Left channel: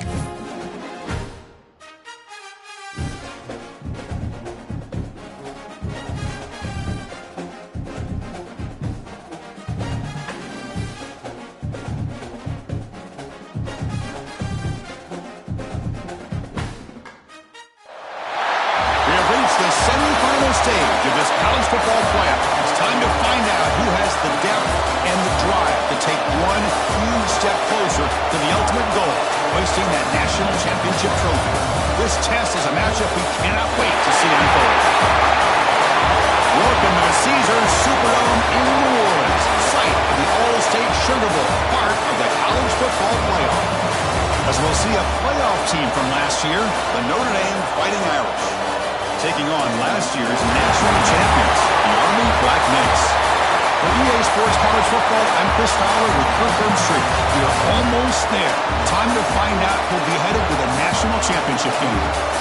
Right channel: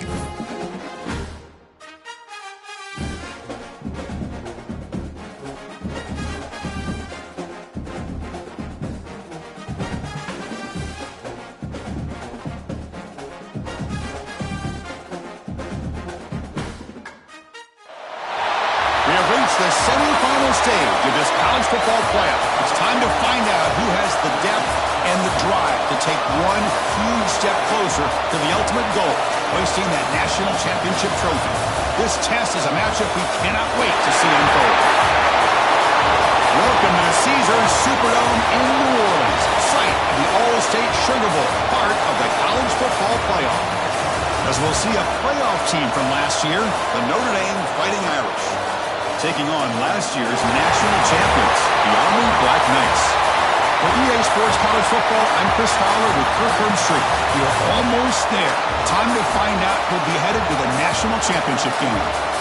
We have reached the semifinal stage of this college football playoff. It's time to find out who has the depth and the drive to take one huge step closer to the ultimate goal, hoisting that national championship trophy. This test is a matchup we cannot wait to see unfold. Welcome to the Caesars Superdome in New Orleans, site of the All-State Sugar Bowl, part of the college football playoff. As we'll see a playoff team from last year, the Notre Dame Fighting Irish, taking on last year's national champions, the Army Black Knights. For EA Sports College Football, I'm Chris Fowler with Kirk Herbstreit. We are almost there. Time to find out who'll be headed to the national championship game.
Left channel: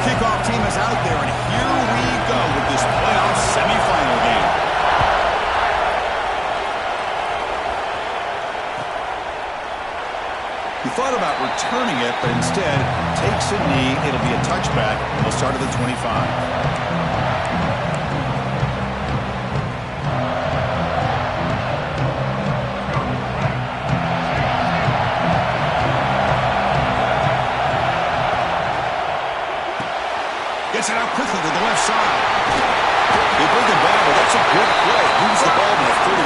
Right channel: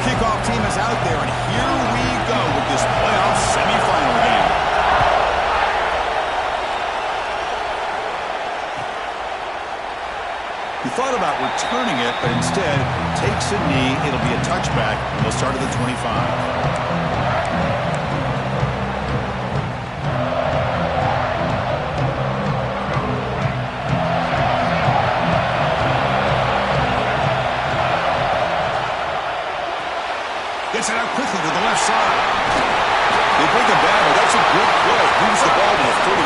Kickoff team is out there, and here we go with this playoff semifinal game. He thought about returning it, but instead takes a knee. It'll be a touchback. They'll start at the 25. Gets it out quickly to the left side. They bring it back, but that's a good play. Moves the ball to the 39.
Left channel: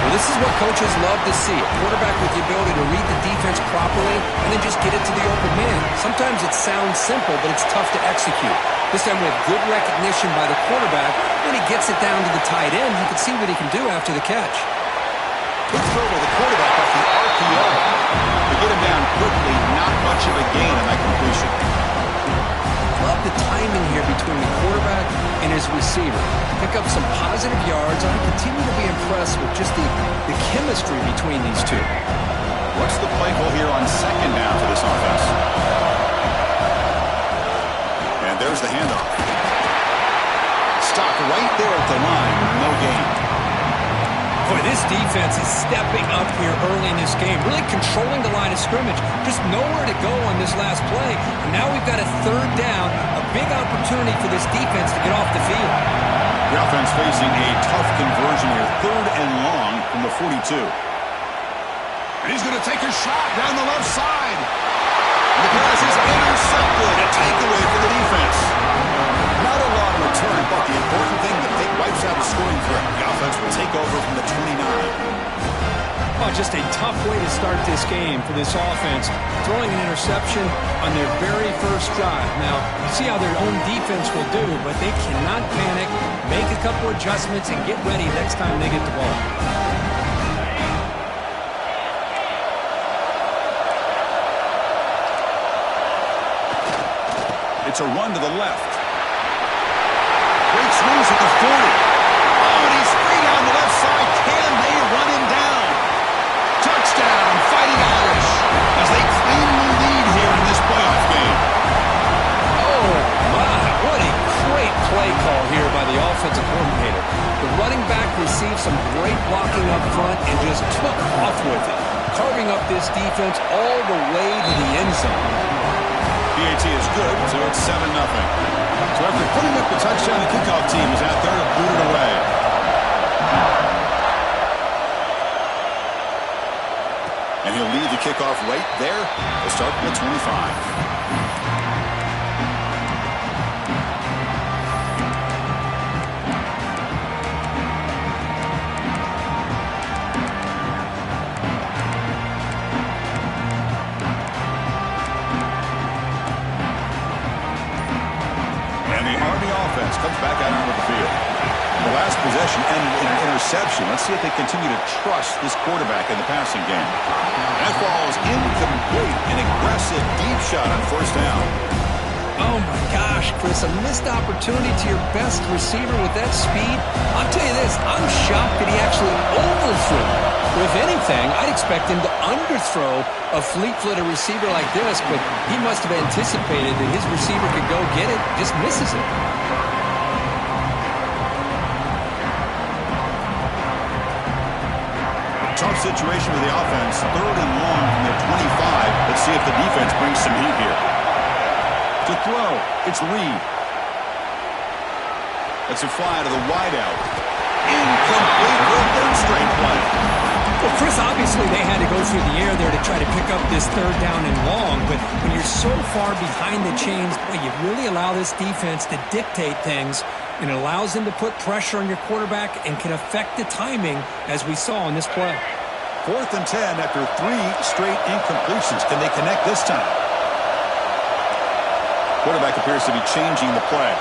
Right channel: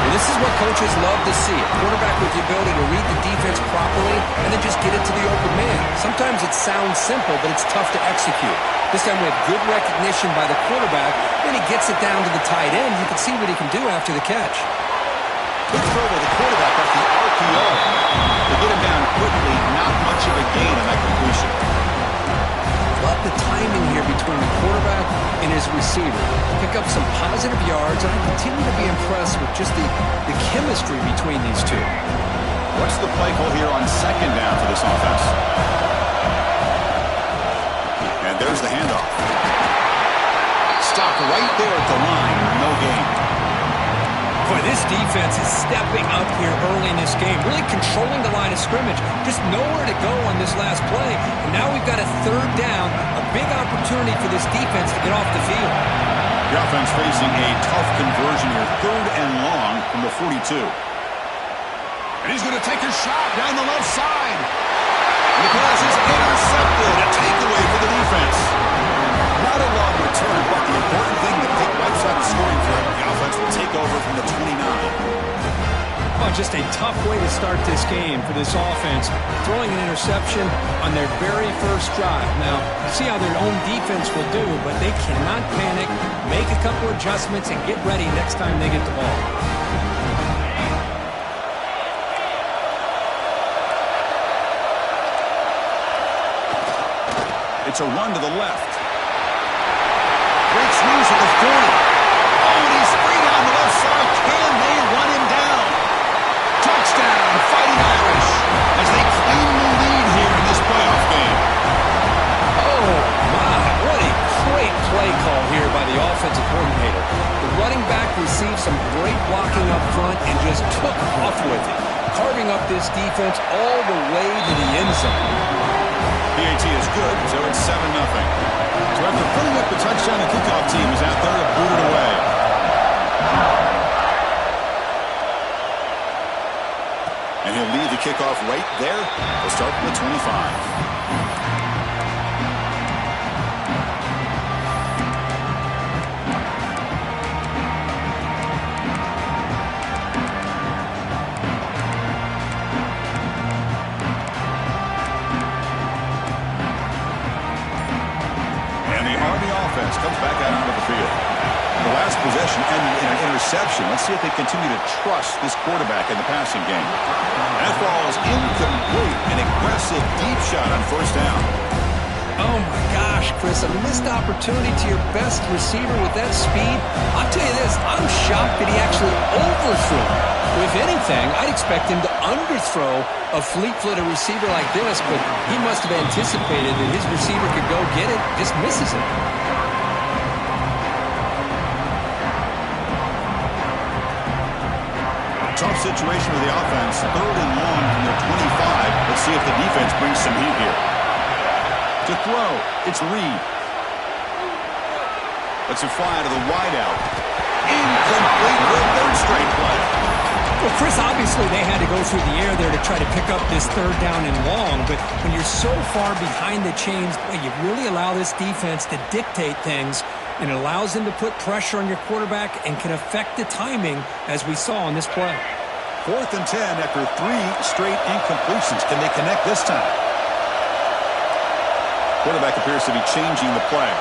Well, this is what coaches love to see. A quarterback with the ability to read the defense properly and then just get it to the open man. Sometimes it sounds simple, but it's tough to execute. This time we have good recognition by the quarterback. Then he gets it down to the tight end. You can see what he can do after the catch. Good throw by the quarterback off the RPO. They get him down quickly. Not much of a gain on that completion. Love the timing here between the quarterback and his receiver. Pick up some positive yards, and I continue to be impressed with just the chemistry between these two. What's the play call here on second down for this offense? And there's the handoff. Stopped right there at the line. No gain. Boy, this defense is stepping up here early in this game, really controlling the line of scrimmage. Just nowhere to go on this last play. And now we've got a third down, a big opportunity for this defense to get off the field. The offense facing a tough conversion here, third and long from the 42. And he's going to take a shot down the left side. And the pass is intercepted. A takeaway for the defense. Not a long return, but the important thing, the pick wipes out a scoring threat. The offense will take over from the 29. Oh, just a tough way to start this game for this offense. Throwing an interception on their very first drive. Now, see how their own defense will do, but they cannot panic, make a couple adjustments, and get ready next time they get the ball. It's a run to the left. Breaks loose at the 40. Oh, and he's free down the left side. Can they run him down? Touchdown, Fighting Irish, as they claim the lead here in this playoff game. Oh, my. What a great play call here by the offensive coordinator. The running back received some great blocking up front and just took off with it, carving up this defense all the way to the end zone. PAT is good, so it's 7-0. So after putting up the touchdown, the kickoff team is out there to boot it away. And he'll lead the kickoff right there. He'll start from the 25. Comes back out onto the field. The last possession ended in an interception. Let's see if they continue to trust this quarterback in the passing game. That ball is incomplete. An aggressive deep shot on first down. Oh, my gosh, Chris, a missed opportunity to your best receiver with that speed. I'll tell you this, I'm shocked that he actually overthrew. If anything, I'd expect him to underthrow a fleet-footed receiver like this, but he must have anticipated that his receiver could go get it, just misses it. Tough situation with the offense. 3rd and long from their 25. Let's see if the defense brings some heat here. To throw, it's Reed. Lets it fly to the wideout. Incomplete for a 3rd straight play. Well, Chris, obviously they had to go through the air there to try to pick up this 3rd down and long, but when you're so far behind the chains, boy, you really allow this defense to dictate things, and it allows them to put pressure on your quarterback and can affect the timing, as we saw on this play. 4th and 10 after 3 straight incompletions. Can they connect this time? Quarterback appears to be changing the play.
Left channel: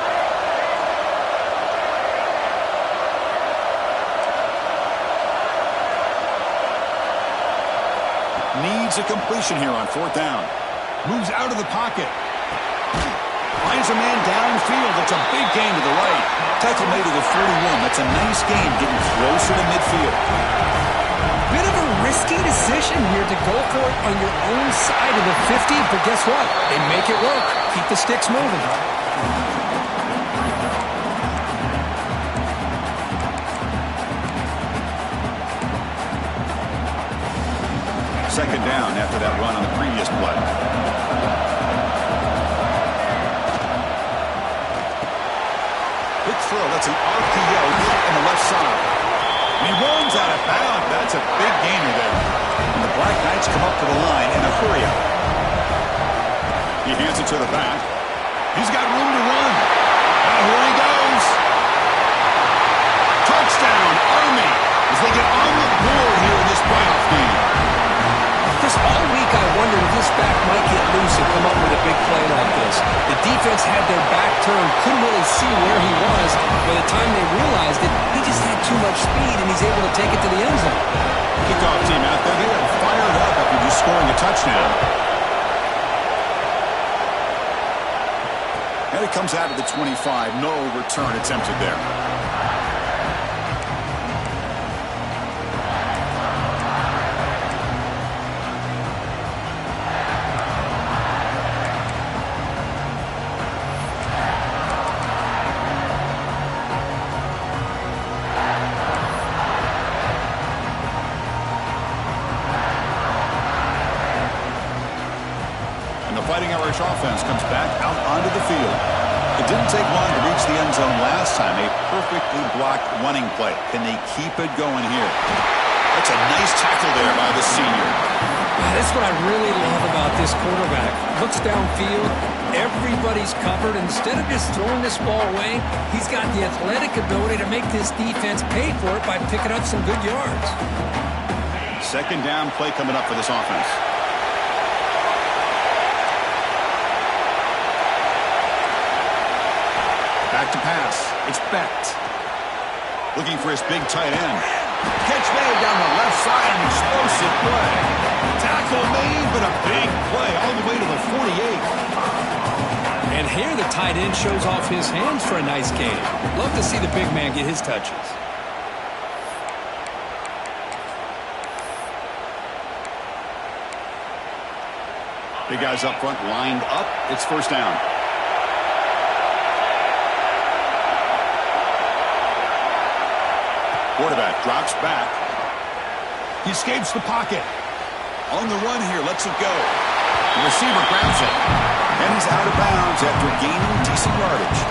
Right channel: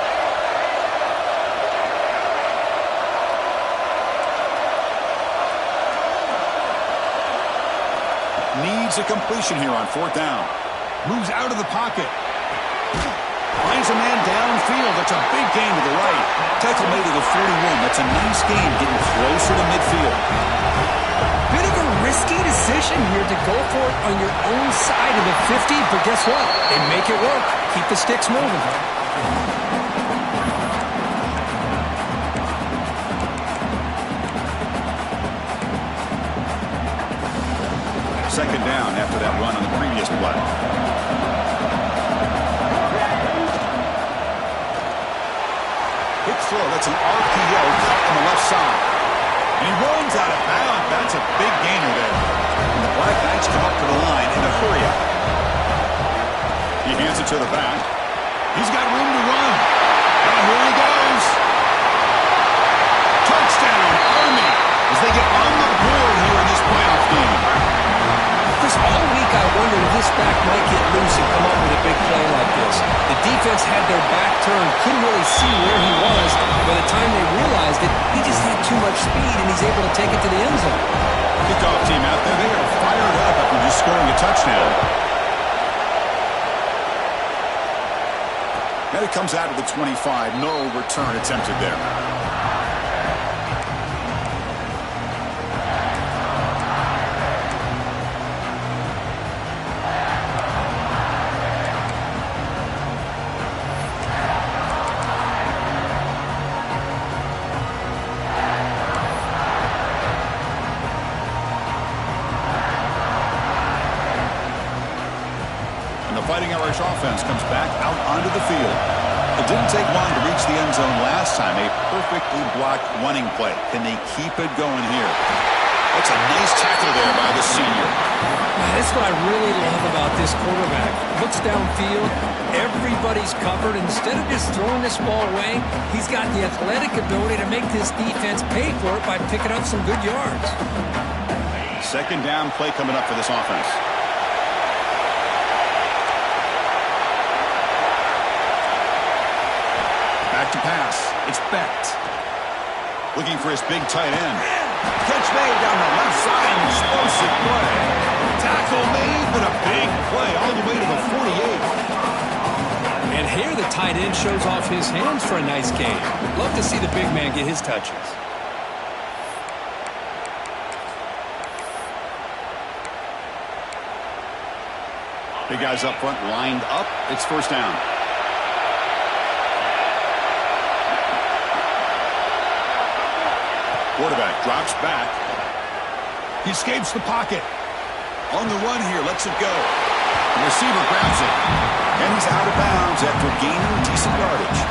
Needs a completion here on 4th down. Moves out of the pocket. Finds a man downfield. That's a big gain to the right. Tackle made to the 41. That's a nice gain, getting closer to midfield. Bit of a risky decision here to go for it on your own side of the 50, but guess what? They make it work. Keep the sticks moving. Second down after that run on the previous play. Quick throw. That's an RPO caught on the left side. And he runs out of bounds. That's a big gainer there. And the Black Knights come up to the line in a hurry-up. He hands it to the back. He's got room to run. Now here he goes. Touchdown, Army, as they get on the board here in this playoff game. Chris, all week I wondered if this back might get loose and come up with a big play like this. The defense had their back turned, couldn't really see where he was. By the time they realized it, he just had too much speed, and he's able to take it to the end zone. Kickoff team out there, they are fired up after just scoring a touchdown. And it comes out of the 25. No return attempted there. Fighting Irish offense comes back out onto the field. It didn't take long to reach the end zone last time. A perfectly blocked running play. Can they keep it going here? That's a nice tackle there by the senior. That's what I really love about this quarterback. Looks downfield. Everybody's covered. Instead of just throwing this ball away, he's got the athletic ability to make this defense pay for it by picking up some good yards. Second down play coming up for this offense. Back to pass. It's Becht. Looking for his big tight end. Catch made down the left side. An explosive play. Tackle made, but a big play all the way to the 48. And here the tight end shows off his hands for a nice game. Love to see the big man get his touches. Big guys up front lined up. It's first down. Quarterback drops back. He escapes the pocket. On the run here, lets it go. The receiver grabs it. And he's out of bounds after gaining decent yardage.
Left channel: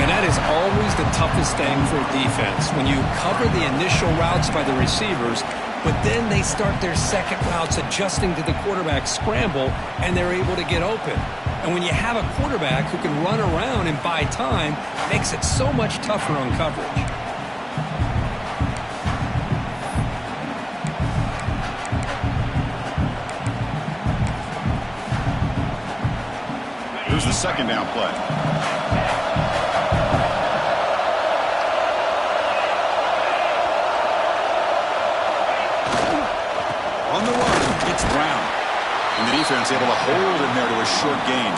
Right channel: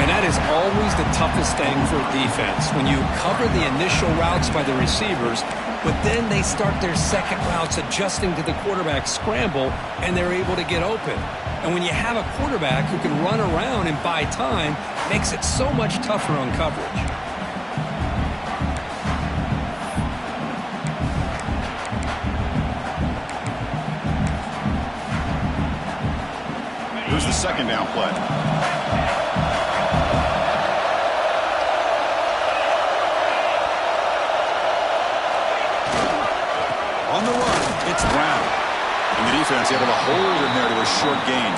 And that is always the toughest thing for a defense. When you cover the initial routes by the receivers, but then they start their second routes adjusting to the quarterback scramble, and they're able to get open. And when you have a quarterback who can run around and buy time, it makes it so much tougher on coverage. Here's the second down play. ground. And the defense able to hold him there to a short gain.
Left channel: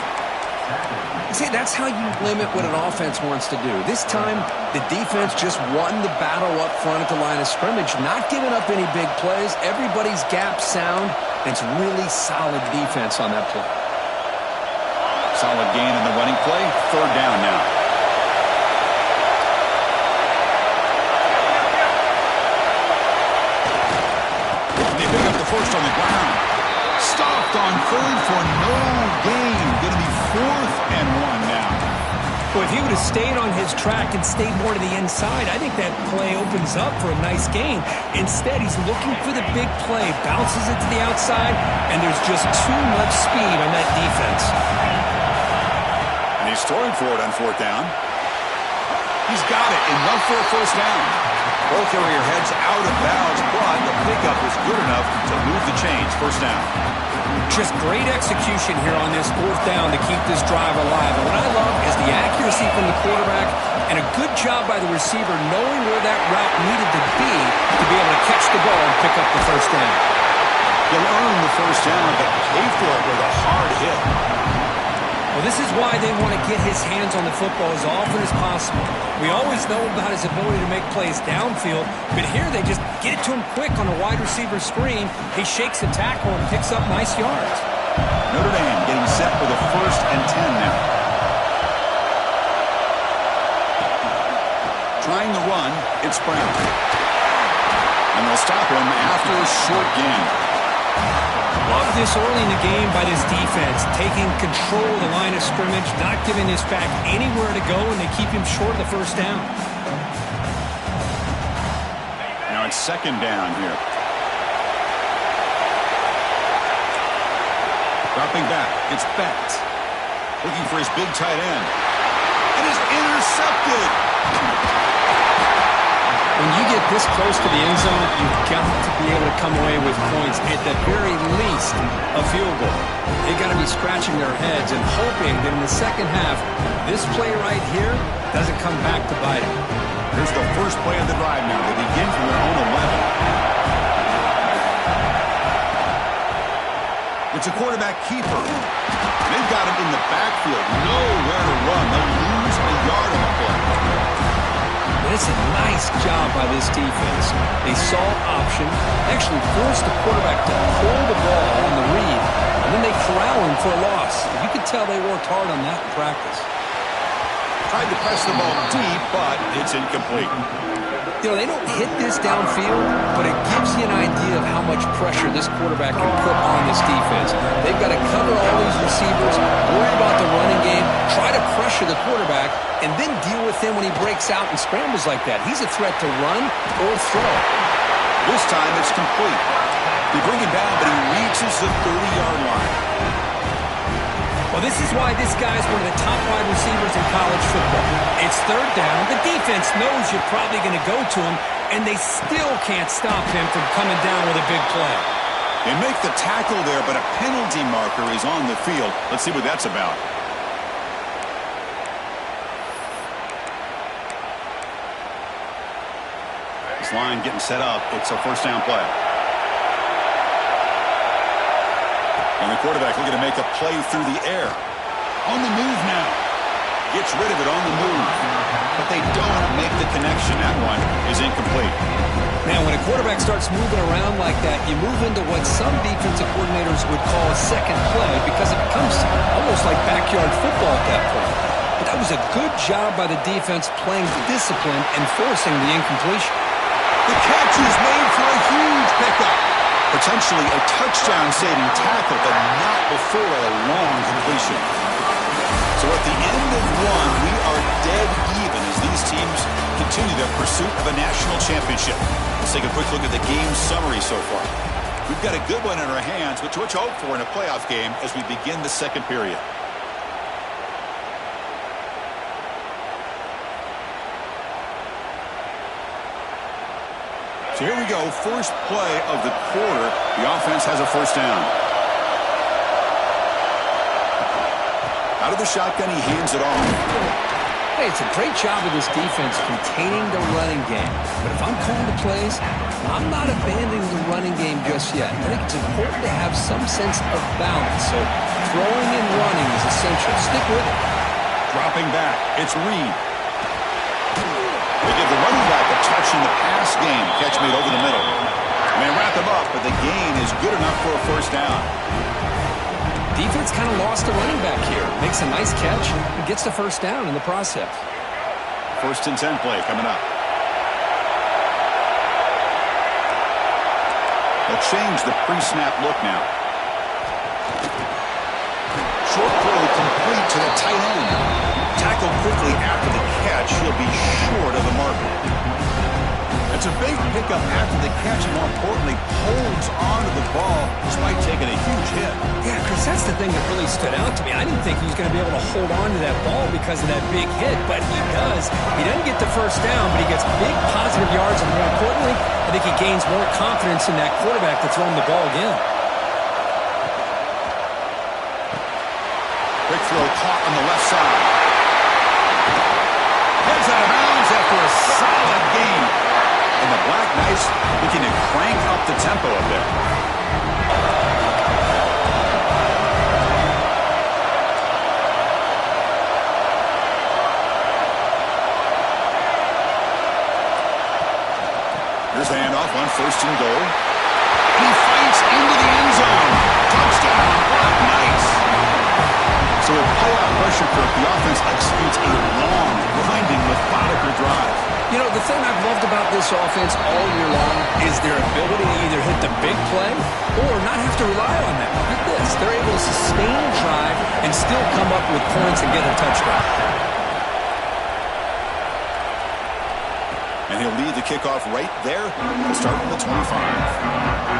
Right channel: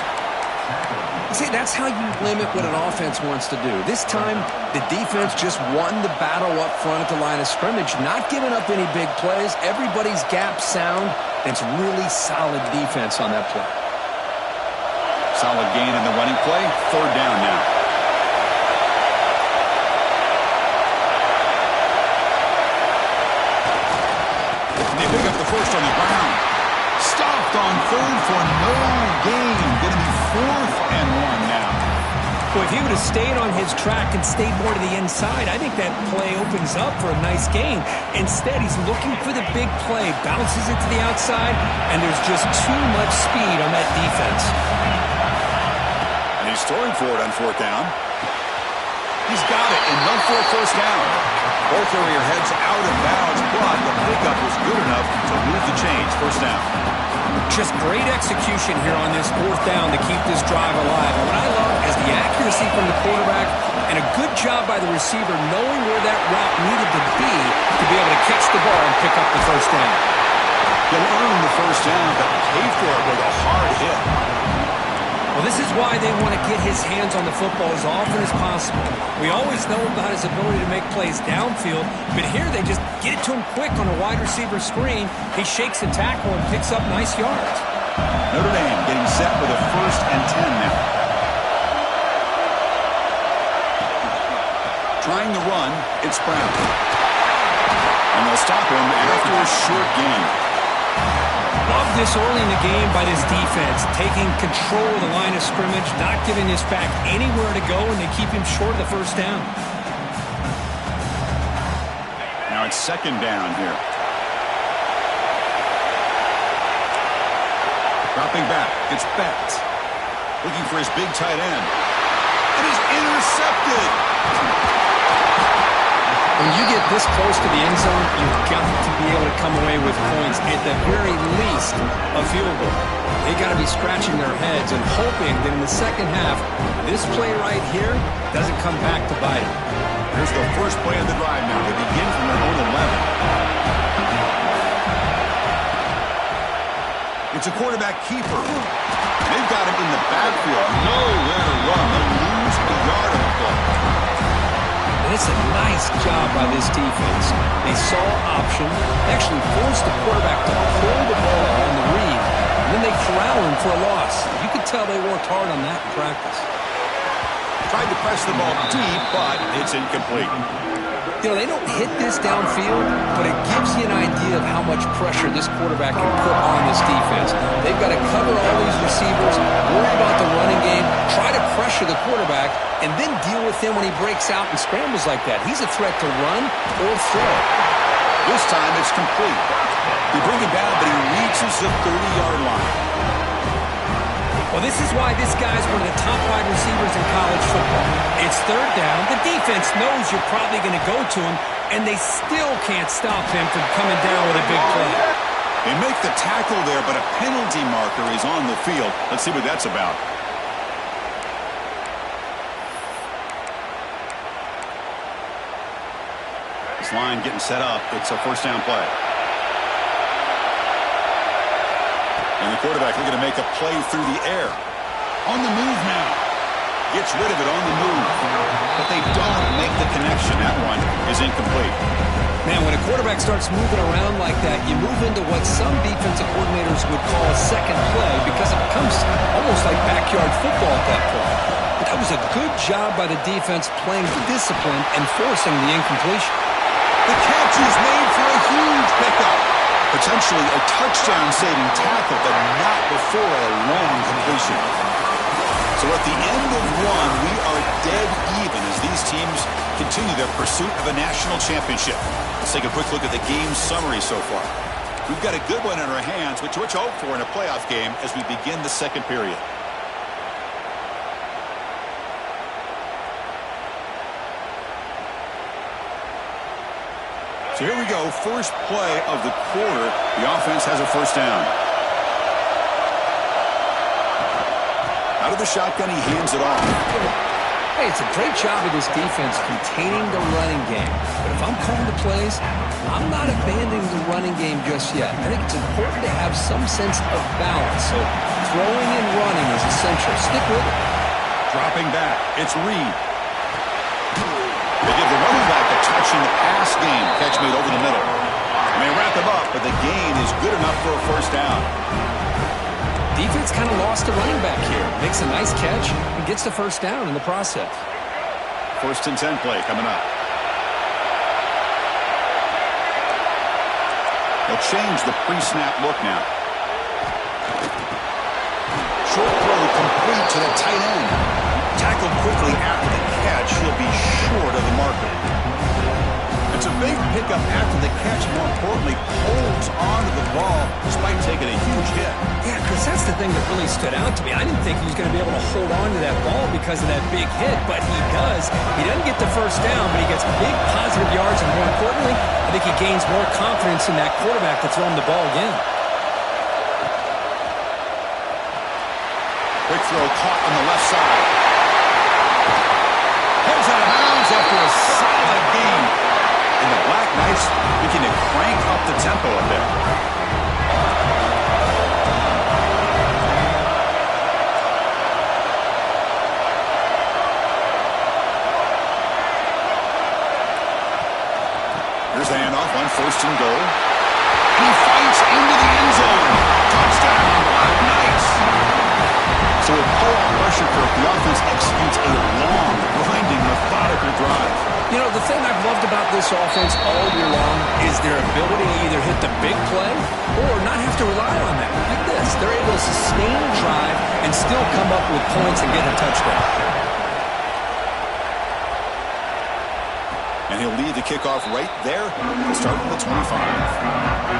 See, that's how you limit what an offense wants to do. This time, the defense just won the battle up front at the line of scrimmage, not giving up any big plays. Everybody's gap sound. It's really solid defense on that play. Solid gain in the running play. Third down now. And they pick up the first on the ground. Stopped on third for no gain. Going to be 4th and 1 now. Well, if he would have stayed on his track and stayed more to the inside, I think that play opens up for a nice gain. Instead, he's looking for the big play, bounces it to the outside, and there's just too much speed on that defense. And he's throwing for it on 4th down. He's got it, enough for a first down. Both area heads out of bounds, but the pickup was good enough to move the chains. First down. Just great execution here on this 4th down to keep this drive alive. And what I love is the accuracy from the quarterback and a good job by the receiver knowing where that route needed to be able to catch the ball and pick up the first down. He'll earn the first down, but pay for it with a hard hit. Well, this is why they want to get his hands on the football as often as possible. We always know about his ability to make plays downfield, but here they just get it to him quick on a wide receiver screen. He shakes the tackle and picks up nice yards. Notre Dame getting set with a 1st and 10 now. Trying to run, it's Brown. And they'll stop him after a short gain. Love this early in the game by this defense, taking control of the line of scrimmage, not giving this back anywhere to go, and they keep him short of the first down. Now it's 2nd down here. Dropping back, it's Beck. Looking for his big tight end. And is intercepted. When you get this close to the end zone, you've got to be able to come away with points, at the very least a field goal. They've got to be scratching their heads and hoping that in the second half, this play right here doesn't come back to bite them. Here's the first play of the drive now. They begin from their own 11. It's a quarterback keeper. They've got him in the backfield. Nowhere to run. They'll lose a yard on the play. And it's a nice job by this defense. They saw option, actually forced the quarterback to pull the ball on the read, and then they corral him for a loss. You could tell they worked hard on that in practice. Tried to press the ball deep, but it's incomplete. You know, they don't hit this downfield, but it gives you an idea of how much pressure this quarterback can put on this defense. They've got to cover all these receivers, worry about the running game, try to pressure the quarterback, and then deal with him when he breaks out and scrambles like that. He's a threat to run or throw. This time it's complete. They bring him down, but he reaches the 30-yard line. Well, this is why this guy's one of the top wide receivers in college football. It's 3rd down. The defense knows you're probably going to go to him, and they still can't stop him from coming down with a big play. They make the tackle there, but a penalty marker is on the field. Let's see what that's about. This line getting set up. It's a first down play. And the quarterback looking to make a play through the air. On the move now. Gets rid of it on the move. But they don't make the connection. That one is incomplete. Man, when a quarterback starts moving around like that, you move into what some defensive coordinators would call a second play because it becomes almost like backyard football at that point. But that was a good job by the defense playing discipline and forcing the incompletion. The catch is made for a huge pickup. Potentially a touchdown-saving tackle, but not before a long completion. So at the end of one, we are dead even as these teams continue their pursuit of a national championship. Let's take a quick look at the game summary so far. We've got a good one in our hands, which we'll hope for in a playoff game as we begin the second period. So here we go, first play of the quarter. The offense has a first down. Out of the shotgun, he hands it off. Hey, it's a great job of this defense containing the running game. But if I'm calling the plays, I'm not abandoning the running game just yet. I think it's important to have some sense of balance. So throwing and running is essential. Stick with it. Dropping back, it's Reed. They give the running back a touch in the pass game. Catch made over the middle. And they wrap him up, but the gain is good enough for a first down. Defense kind of lost the running back here. Makes a nice catch and gets the first down in the process. 1st and 10 play coming up. They'll change the pre-snap look now. Short throw complete to the tight end. Tackled quickly after the catch. He'll be short of the marker. It's a big pickup after the catch. More importantly, holds on to the ball despite taking a huge hit. Yeah, Chris, that's the thing that really stood out to me. I didn't think he was going to be able to hold on to that ball because of that big hit, but he does. He doesn't get the first down, but he gets big positive yards, and more importantly, I think he gains more confidence in that quarterback to throw him the ball again. Quick throw caught on the left side. Heads out of bounds after a solid gain. And the Black Knights begin to crank up the tempo a bit. Here's the handoff on 1st and goal. And he fights into the end zone. Touchdown, Black Knights. So with playoff pressure, Kirk, the offense executes a long, grinding, methodical drive. You know, the thing I've loved about this offense all year long is their ability to either hit the big play or not have to rely on that. Like this, they're able to sustain a drive and still come up with points and get a touchdown. And he'll lead the kickoff right there. He'll start from the 25.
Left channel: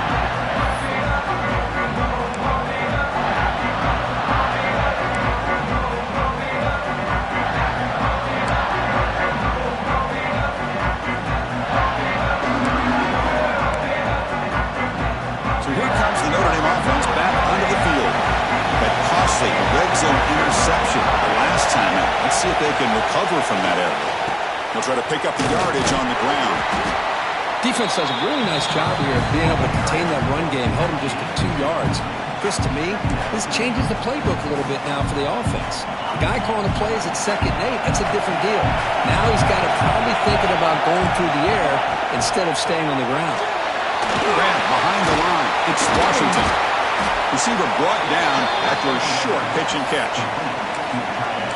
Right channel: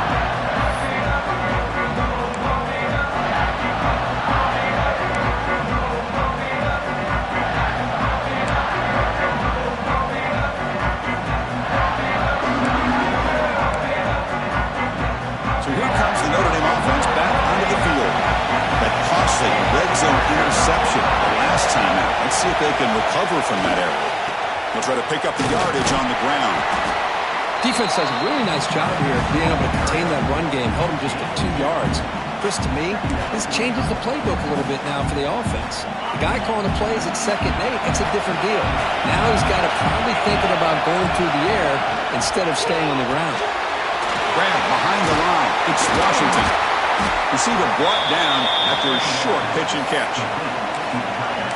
Red zone interception the last time out. Let's see if they can recover from that error. They'll try to pick up the yardage on the ground. Defense does a really nice job here of being able to contain that run game, held them just to 2 yards. Chris, to me, this changes the playbook a little bit now for the offense. The guy calling the plays at 2nd and 8, that's a different deal. Now he's got to probably thinking about going through the air instead of staying on the ground. Grab behind the line. It's Washington. Receiver brought down after a short pitch and catch.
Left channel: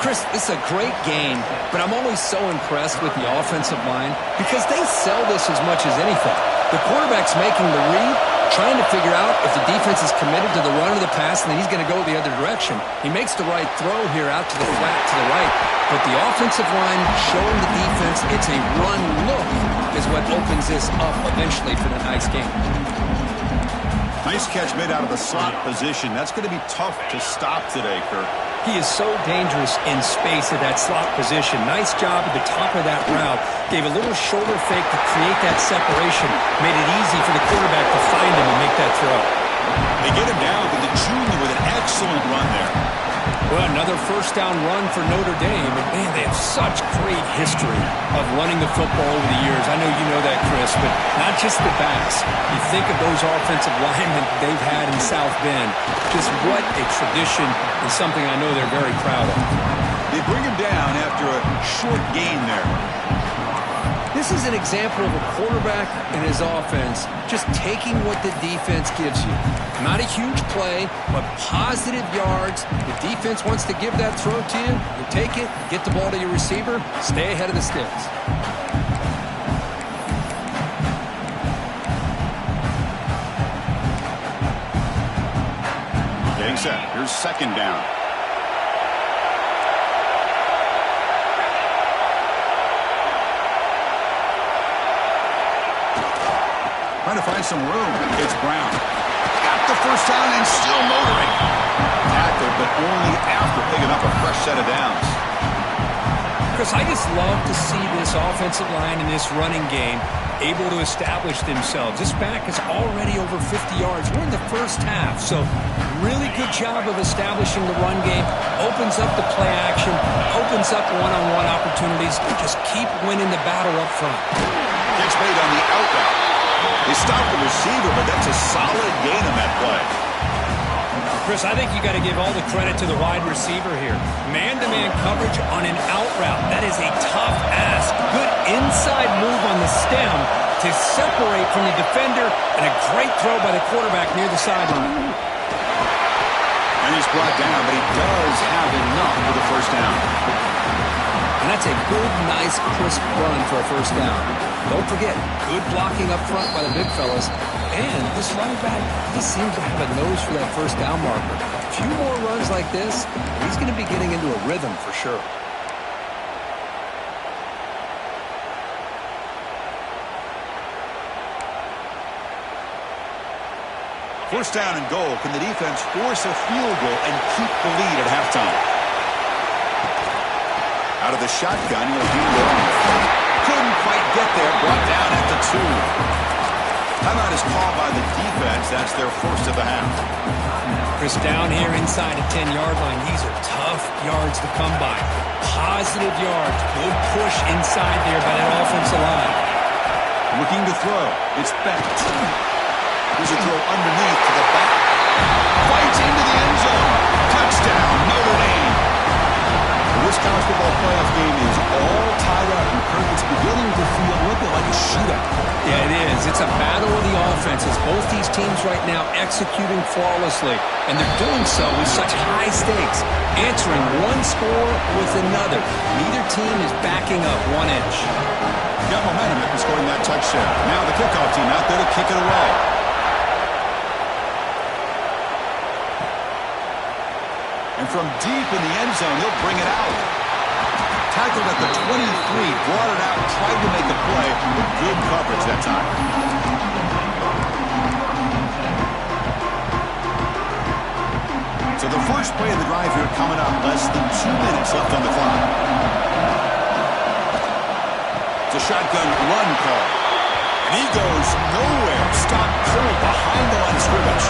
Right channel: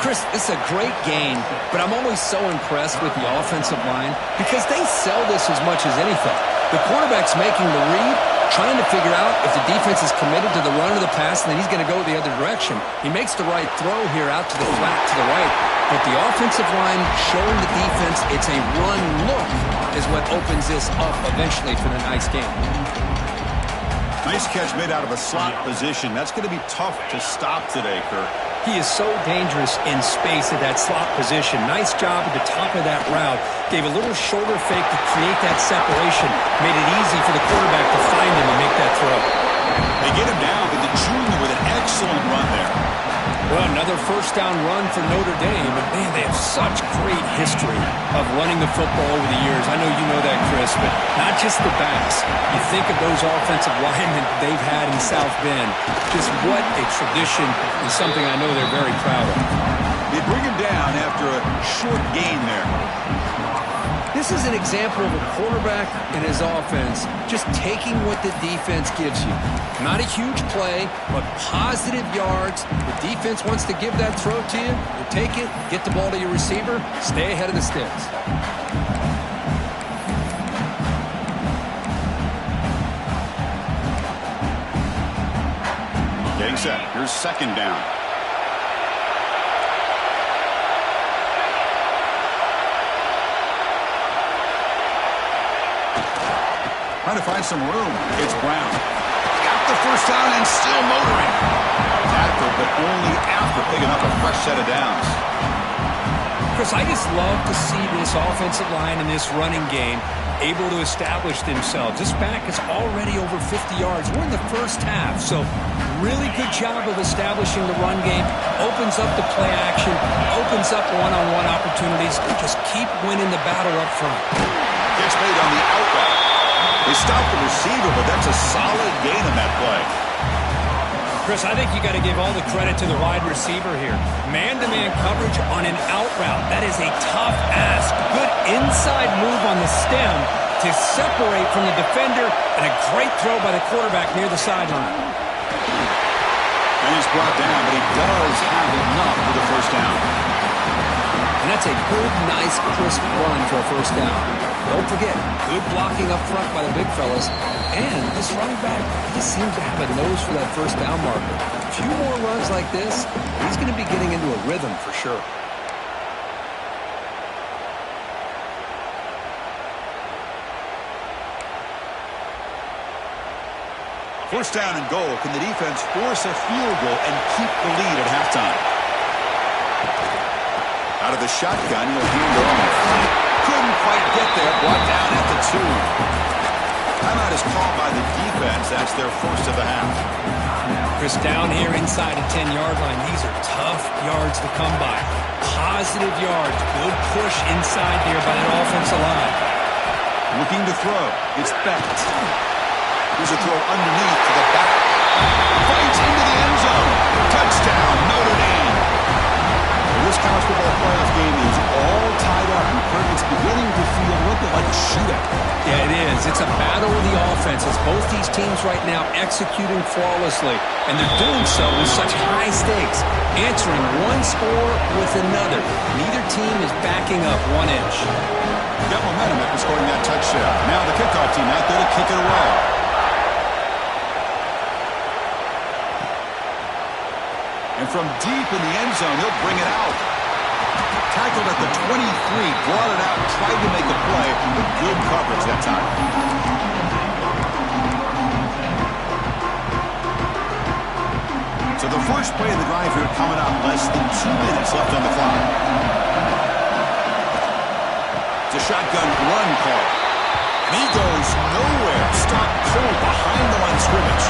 Chris, it's a great game, but I'm always so impressed with the offensive line because they sell this as much as anything. The quarterback's making the read, trying to figure out if the defense is committed to the run or the pass, and then he's going to go the other direction. He makes the right throw here out to the flat to the right, but the offensive line showing the defense it's a run look is what opens this up eventually for the nice game. Nice catch made out of the slot position. That's going to be tough to stop today, Kirk. He is so dangerous in space at that slot position. Nice job at the top of that route. Gave a little shoulder fake to create that separation. Made it easy for the quarterback to find him and make that throw. They get him down to the junior with an excellent run there. Well, another first down run for Notre Dame. And, man, they have such great history of running the football over the years. I know you know that, Chris, but not just the backs. You think of those offensive linemen they've had in South Bend. Just what a tradition and something I know they're very proud of. They bring him down after a short gain there. This is an example of a quarterback and his offense just taking what the defense gives you. Not a huge play, but positive yards. The defense wants to give that throw to you. You take it, get the ball to your receiver, stay ahead of the sticks. Getting set. Here's 2nd down. Trying to find some room. It's Brown. Got the first down and still motoring. Tackled, but only after picking up a fresh set of downs. Chris, I just love to see this offensive line and this running game able to establish themselves. This back is already over 50 yards. We're in the first half, so really good job of establishing the run game. Opens up the play action, opens up one-on-one opportunities, and just keep winning the battle up front. Gets made on the out route. They stopped the receiver, but that's a solid gain on that play. Chris, I think you got to give all the credit to the wide receiver here. Man-to-man coverage on an out route. That is a tough ask. Good inside move on the stem to separate from the defender, and a great throw by the quarterback near the sideline. And he's brought down, but he does have enough for the first down. And that's a good, nice, crisp run for a first down. Don't forget, good blocking up front by the big fellas. And this running back just seems to have a nose for that first down marker. A few more runs like this, he's going to be getting into a rhythm for sure. First down and goal. Can the defense force a field goal and keep the lead at halftime? Out of the shotgun, he'll hand it off. Couldn't quite get there. Brought down at the 2. Timeout is called by the defense. That's their first of the half. Chris, down here inside the 10-yard line, these are tough yards to come by. Positive yards. Good push inside there by that offensive line. Looking to throw. It's Beck. Here's a throw underneath to the back. Fights into the end zone. Touchdown, Notre Dame. This college football playoff game is all tied up. And Kurt, it's beginning to feel a little bit like a shootout. Yeah, it is. It's a battle of the offenses. Both these teams right now executing flawlessly, and they're doing so with such high stakes, answering one score with another. Neither team is backing up 1 inch. Got momentum after scoring that touchdown. Now the kickoff team out there to kick it away. And from deep in the end zone, he'll bring it out. Tackled at the 23, brought it out, tried to make a play, with good coverage that time. So the first play of the drive here coming up, less than 2 minutes left on the clock. It's a shotgun run call. And he goes nowhere. Stopped cold behind the line of scrimmage.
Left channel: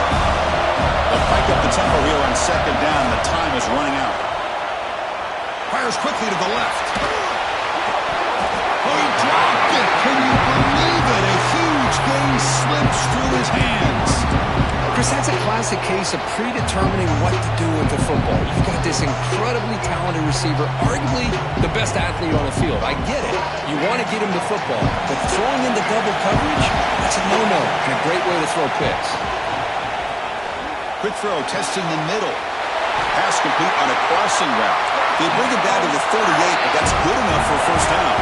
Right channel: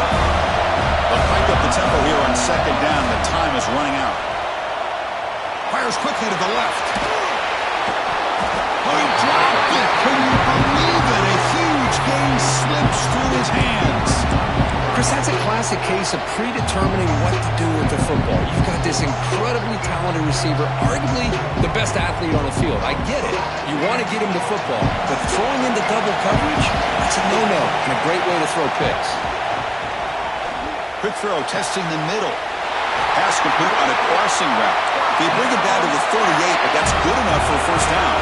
They'll crank up the tempo here on second down. The time is running out. Fires quickly to the left. Oh, he dropped it. Can you believe it? A huge gain slips through his hands. Chris, that's a classic case of predetermining what to do with the football. You've got this incredibly talented receiver, arguably the best athlete on the field. I get it. You want to get him the football, but throwing into double coverage, that's a no-no and a great way to throw picks. Quick throw, testing the middle. Pass complete on a crossing route. They bring it down to the 38, but that's good enough for a first down.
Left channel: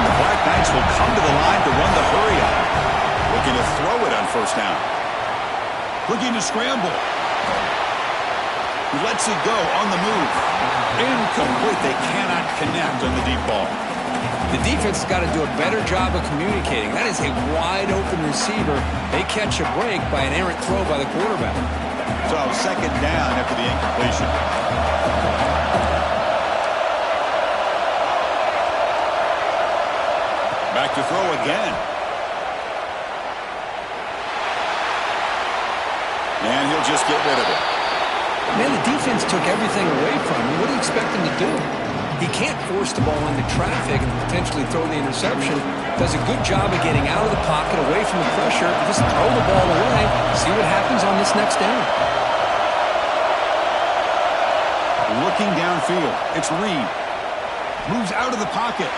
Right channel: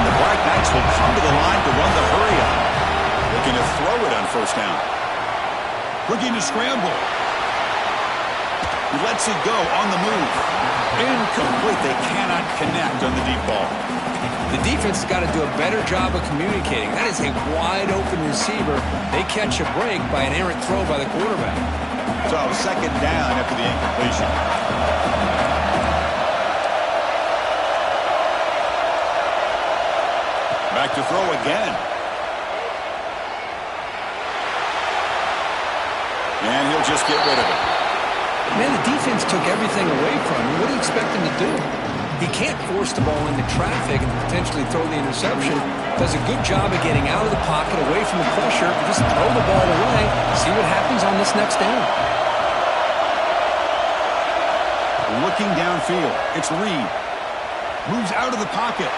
And the Black Knights will come to the line to run the hurry on. Looking to throw it on first down. Looking to scramble. He lets it go on the move. Incomplete. They cannot connect on the deep ball. The defense has got to do a better job of communicating. That is a wide-open receiver. They catch a break by an errant throw by the quarterback. So second down after the incompletion. Back to throw again. And he'll just get rid of it. Man, the defense took everything away from him. What do you expect him to do? He can't force the ball into traffic and potentially throw the interception. Does a good job of getting out of the pocket, away from the pressure, and just throw the ball away. See what happens on this next down. Looking downfield. It's Reed. Moves out of the pocket.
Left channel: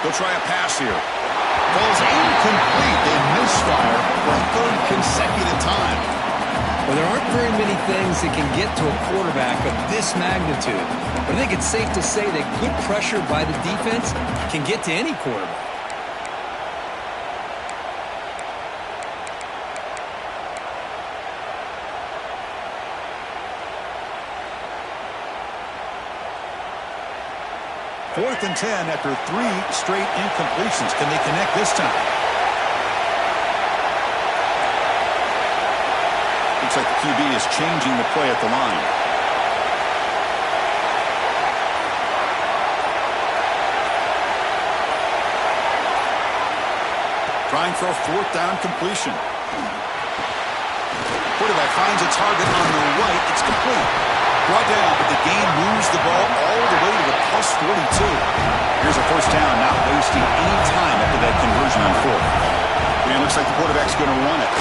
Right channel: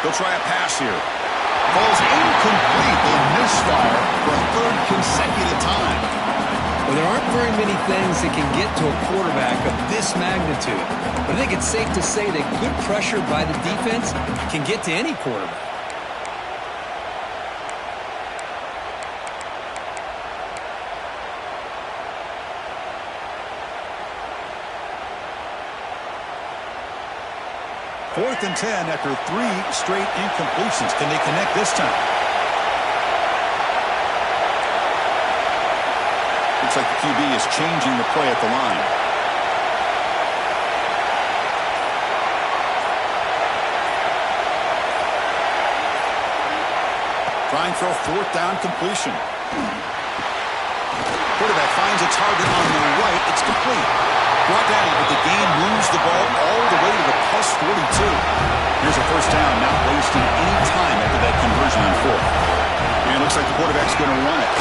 They'll try a pass here. Falls incomplete. They misfire for a third consecutive time. Well, there aren't very many things that can get to a quarterback of this magnitude. But I think it's safe to say that good pressure by the defense can get to any quarterback. Fourth and 10 after 3 straight incompletions. Can they connect this time? Looks like the QB is changing the play at the line. Trying for a fourth down completion. Quarterback finds a target on the right. It's complete. Brought down, but the game moves the ball all the way to the plus 42. Here's a first down, not wasting any time after that conversion on fourth. And it looks like the quarterback's going to run it.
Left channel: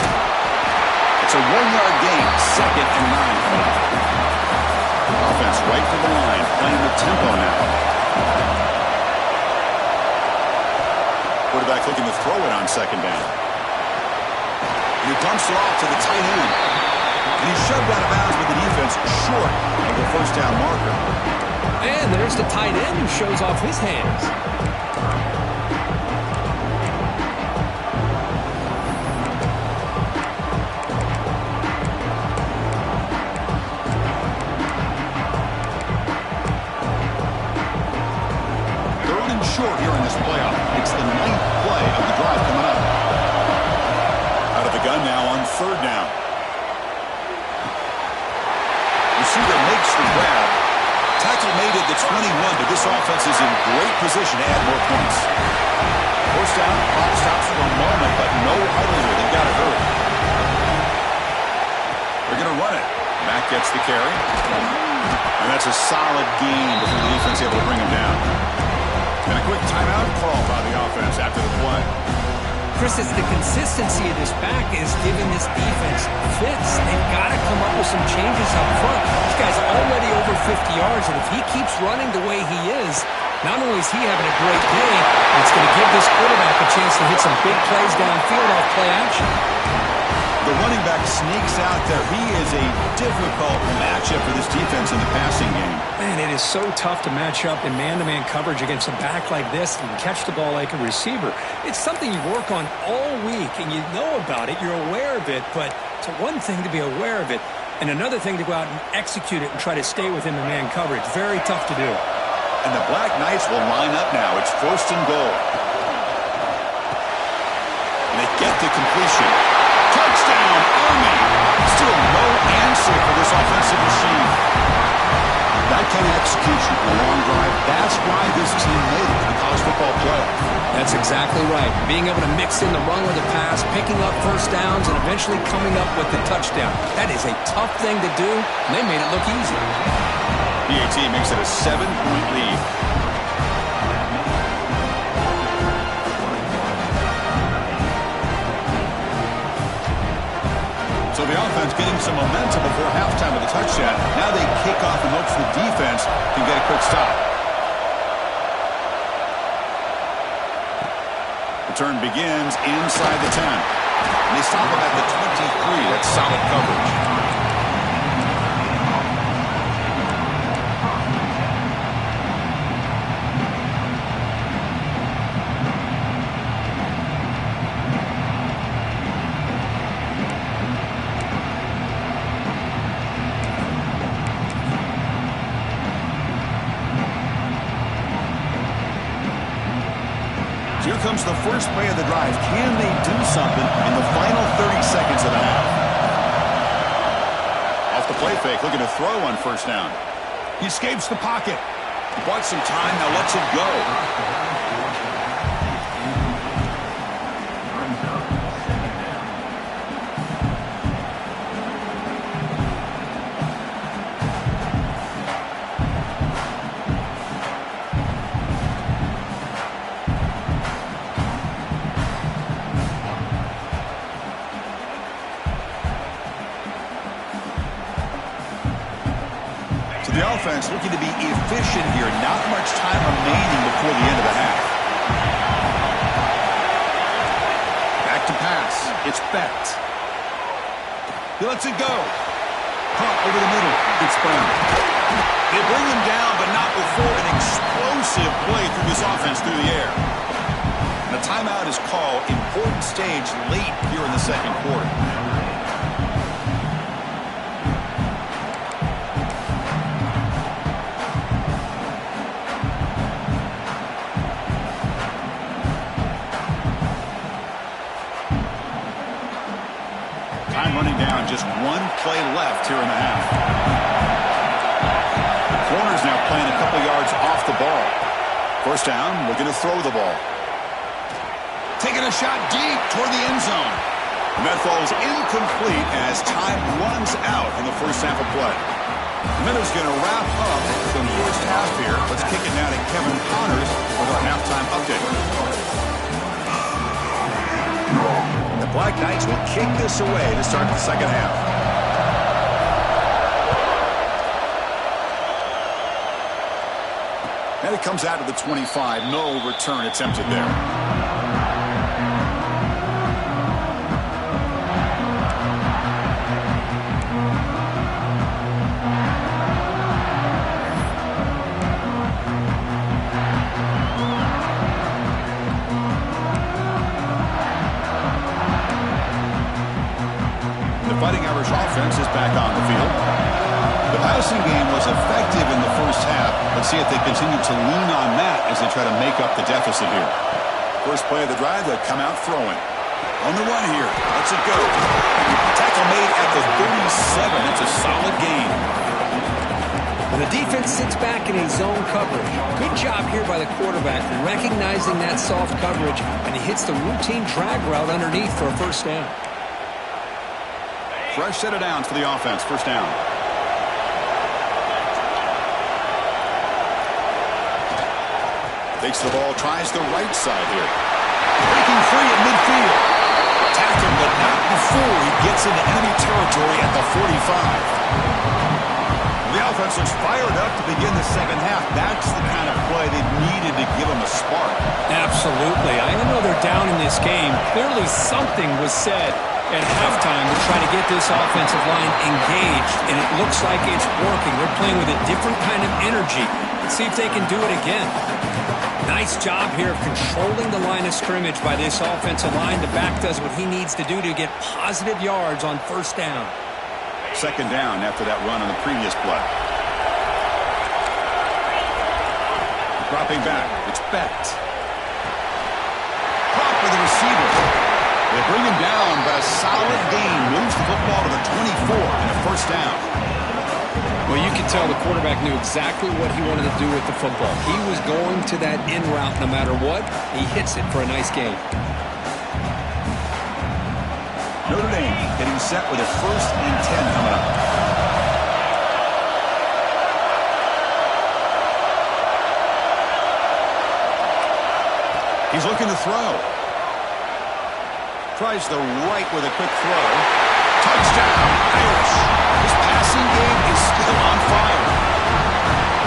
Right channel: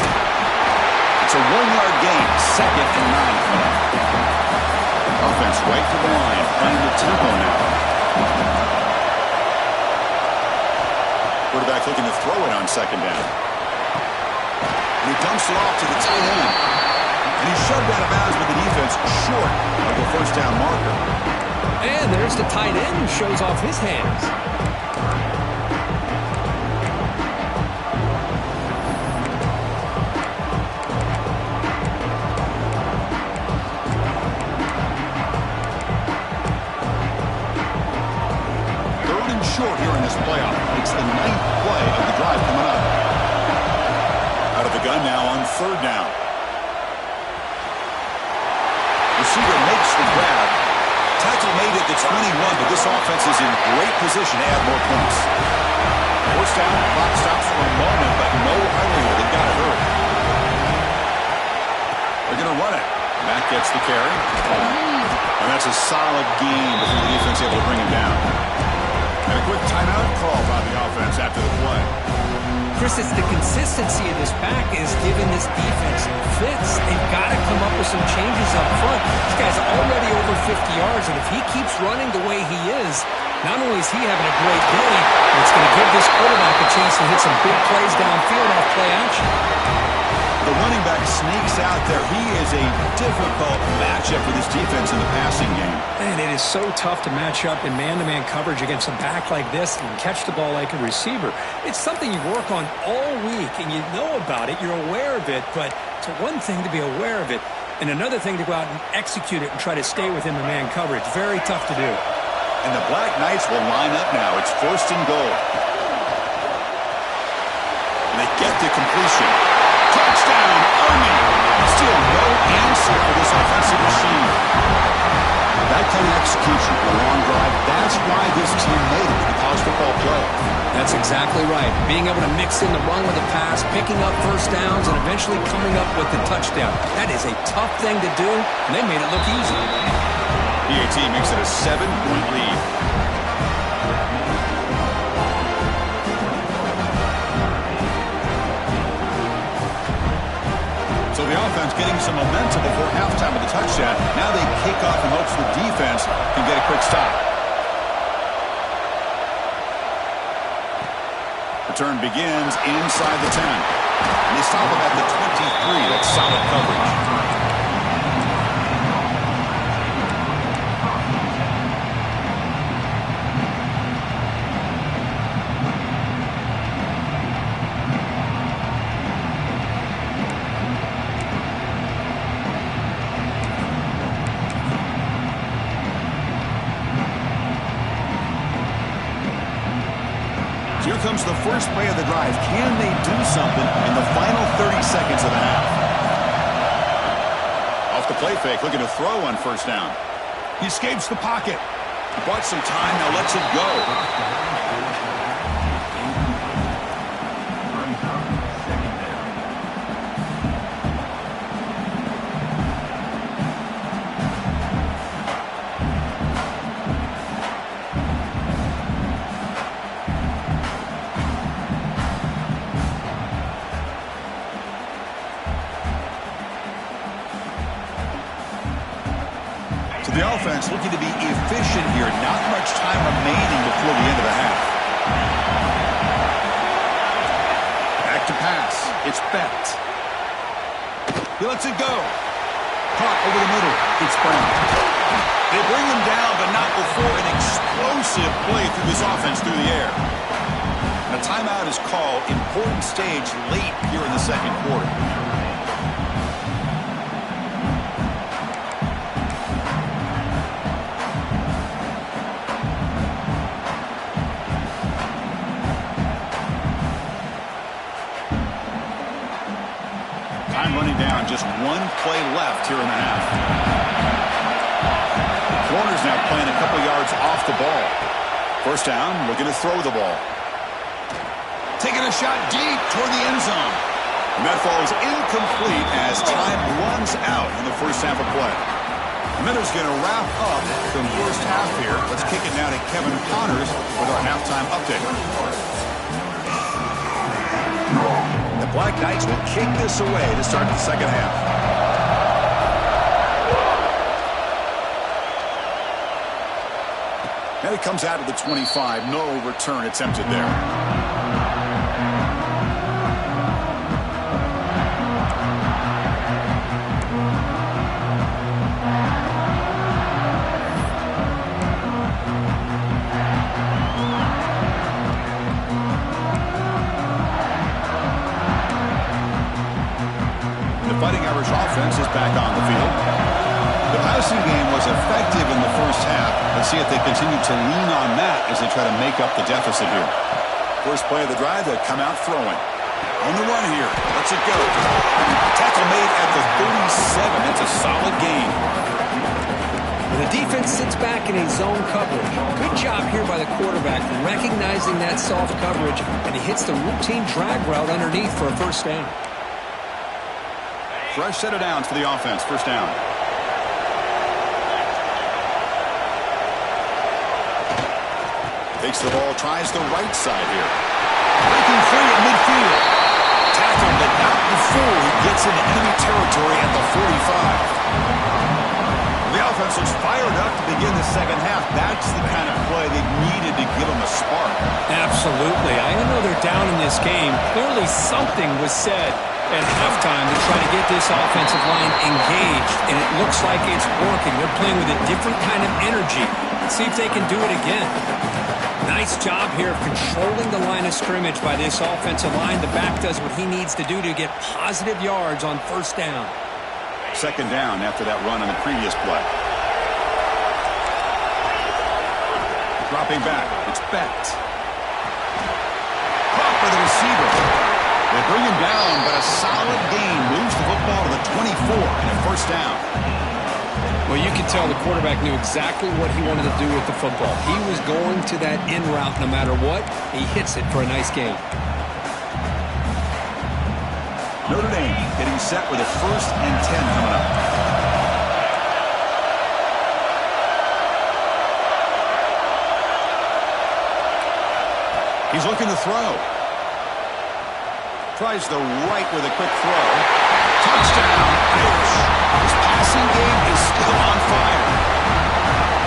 It's a 1-yard gain, 2nd and 9 coming up. Offense right to the line, playing the tempo now. Quarterback looking to throw it on 2nd down. And he dumps it off to the tight end. And he's shoved out of bounds with the defense short of the first down marker. And there's the tight end who shows off his hands. Third and short here in this playoff. It's the 9th play of the drive coming up. Out of the gun now on 3rd down. Receiver makes the grab. Tackle made at the 21, but this offense is in great position to add more points. First down, clock stops for a moment, but no huddle here. They've got to hurry. They're going to run it. Mack gets the carry. And that's a solid gain before the defense able to bring him down. And a quick timeout call by the offense after the play. Chris, it's the consistency of this back is giving this defense fits. They've got to come up with some changes up front. This guy's already over 50 yards, and if he keeps running the way he is, not only is he having a great day, it's going to give this quarterback a chance to hit some big plays downfield off play action. The running back sneaks out there. He is a difficult matchup for this defense in the passing game. Man, it is so tough to match up in man-to-man coverage against a back like this and catch the ball like a receiver. It's something you work on all week, and you know about it. You're aware of it, but it's one thing to be aware of it, and another thing to go out and execute it and try to stay within the man coverage. Very tough to do. And the Black Knights will line up now. It's 1st and goal. And they get the completion. Touchdown, Army! Still no answer for this offensive machine. That kind of execution, a long drive, that's why this team made it to the college football playoff. That's exactly right. Being able to mix in the run with the pass, picking up first downs, and eventually coming up with the touchdown. That is a tough thing to do, and they made it look easy. PAT makes it a 7-point lead. So the offense getting some momentum before halftime of the touchdown. Now they kick off in hopes the defense can get a quick stop. Return begins inside the 10. And they stop him at the 23. That's solid coverage. Here comes the first play of the drive. Can they do something in the final 30 seconds of the half? Off the play fake, looking to throw on 1st down. He escapes the pocket. He bought some time, now lets it go. The offense looking to be efficient here. Not much time remaining before the end of the half. Back to pass. It's Bett. He lets it go. Caught over the middle. It's Brown. They bring him down, but not before an explosive play through this offense through the air. And a timeout is called. Important stage late here in the 2nd quarter. Time running down, just one play left here in the half. The corner's now playing a couple yards off the ball. First down, looking to throw the ball. Taking a shot deep toward the end zone. And that falls incomplete as time runs out in the first half of play. The Minute's going to wrap up the first half here. Let's kick it now to Kevin Connors with our halftime update. The Black Knights will kick this away to start the second half. And it comes out of the 25. No return attempted there. Fighting Irish offense is back on the field. The passing game was effective in the first half. Let's see if they continue to lean on that as they try to make up the deficit here. First play of the drive, they'll come out throwing. On the run here. Let's it go. Tackle made at the 37. That's a solid gain. When the defense sits back in a zone coverage, good job here by the quarterback recognizing that soft coverage, and he hits the routine drag route underneath for a first down. Fresh set of downs for the offense. First down. Takes the ball, tries the right side here. Breaking free at midfield. Tackled, but not before he gets into enemy territory at the 45. The offense looks fired up to begin the second half. That's the kind of play they needed to give them a spark. Absolutely. I know they're down in this game. Clearly something was said at halftime to try to get this offensive line engaged, and it looks like it's working. They're playing with a different kind of energy. Let's see if they can do it again. Nice job here of controlling the line of scrimmage by this offensive line. The back does what he needs to do to get positive yards on first down. Second down after that run on the previous play. Dropping back. It's Becht. Caught by the receiver. They bring him down, but a solid gain moves the football to the 24 and a first down. Well, you could tell the quarterback knew exactly what he wanted to do with the football. He was going to that in route no matter what. He hits it for a nice gain. Notre Dame getting set with a 1st and 10 coming up. He's looking to throw. Tries the right with a quick throw. Touchdown, Irish. His passing game is still on fire.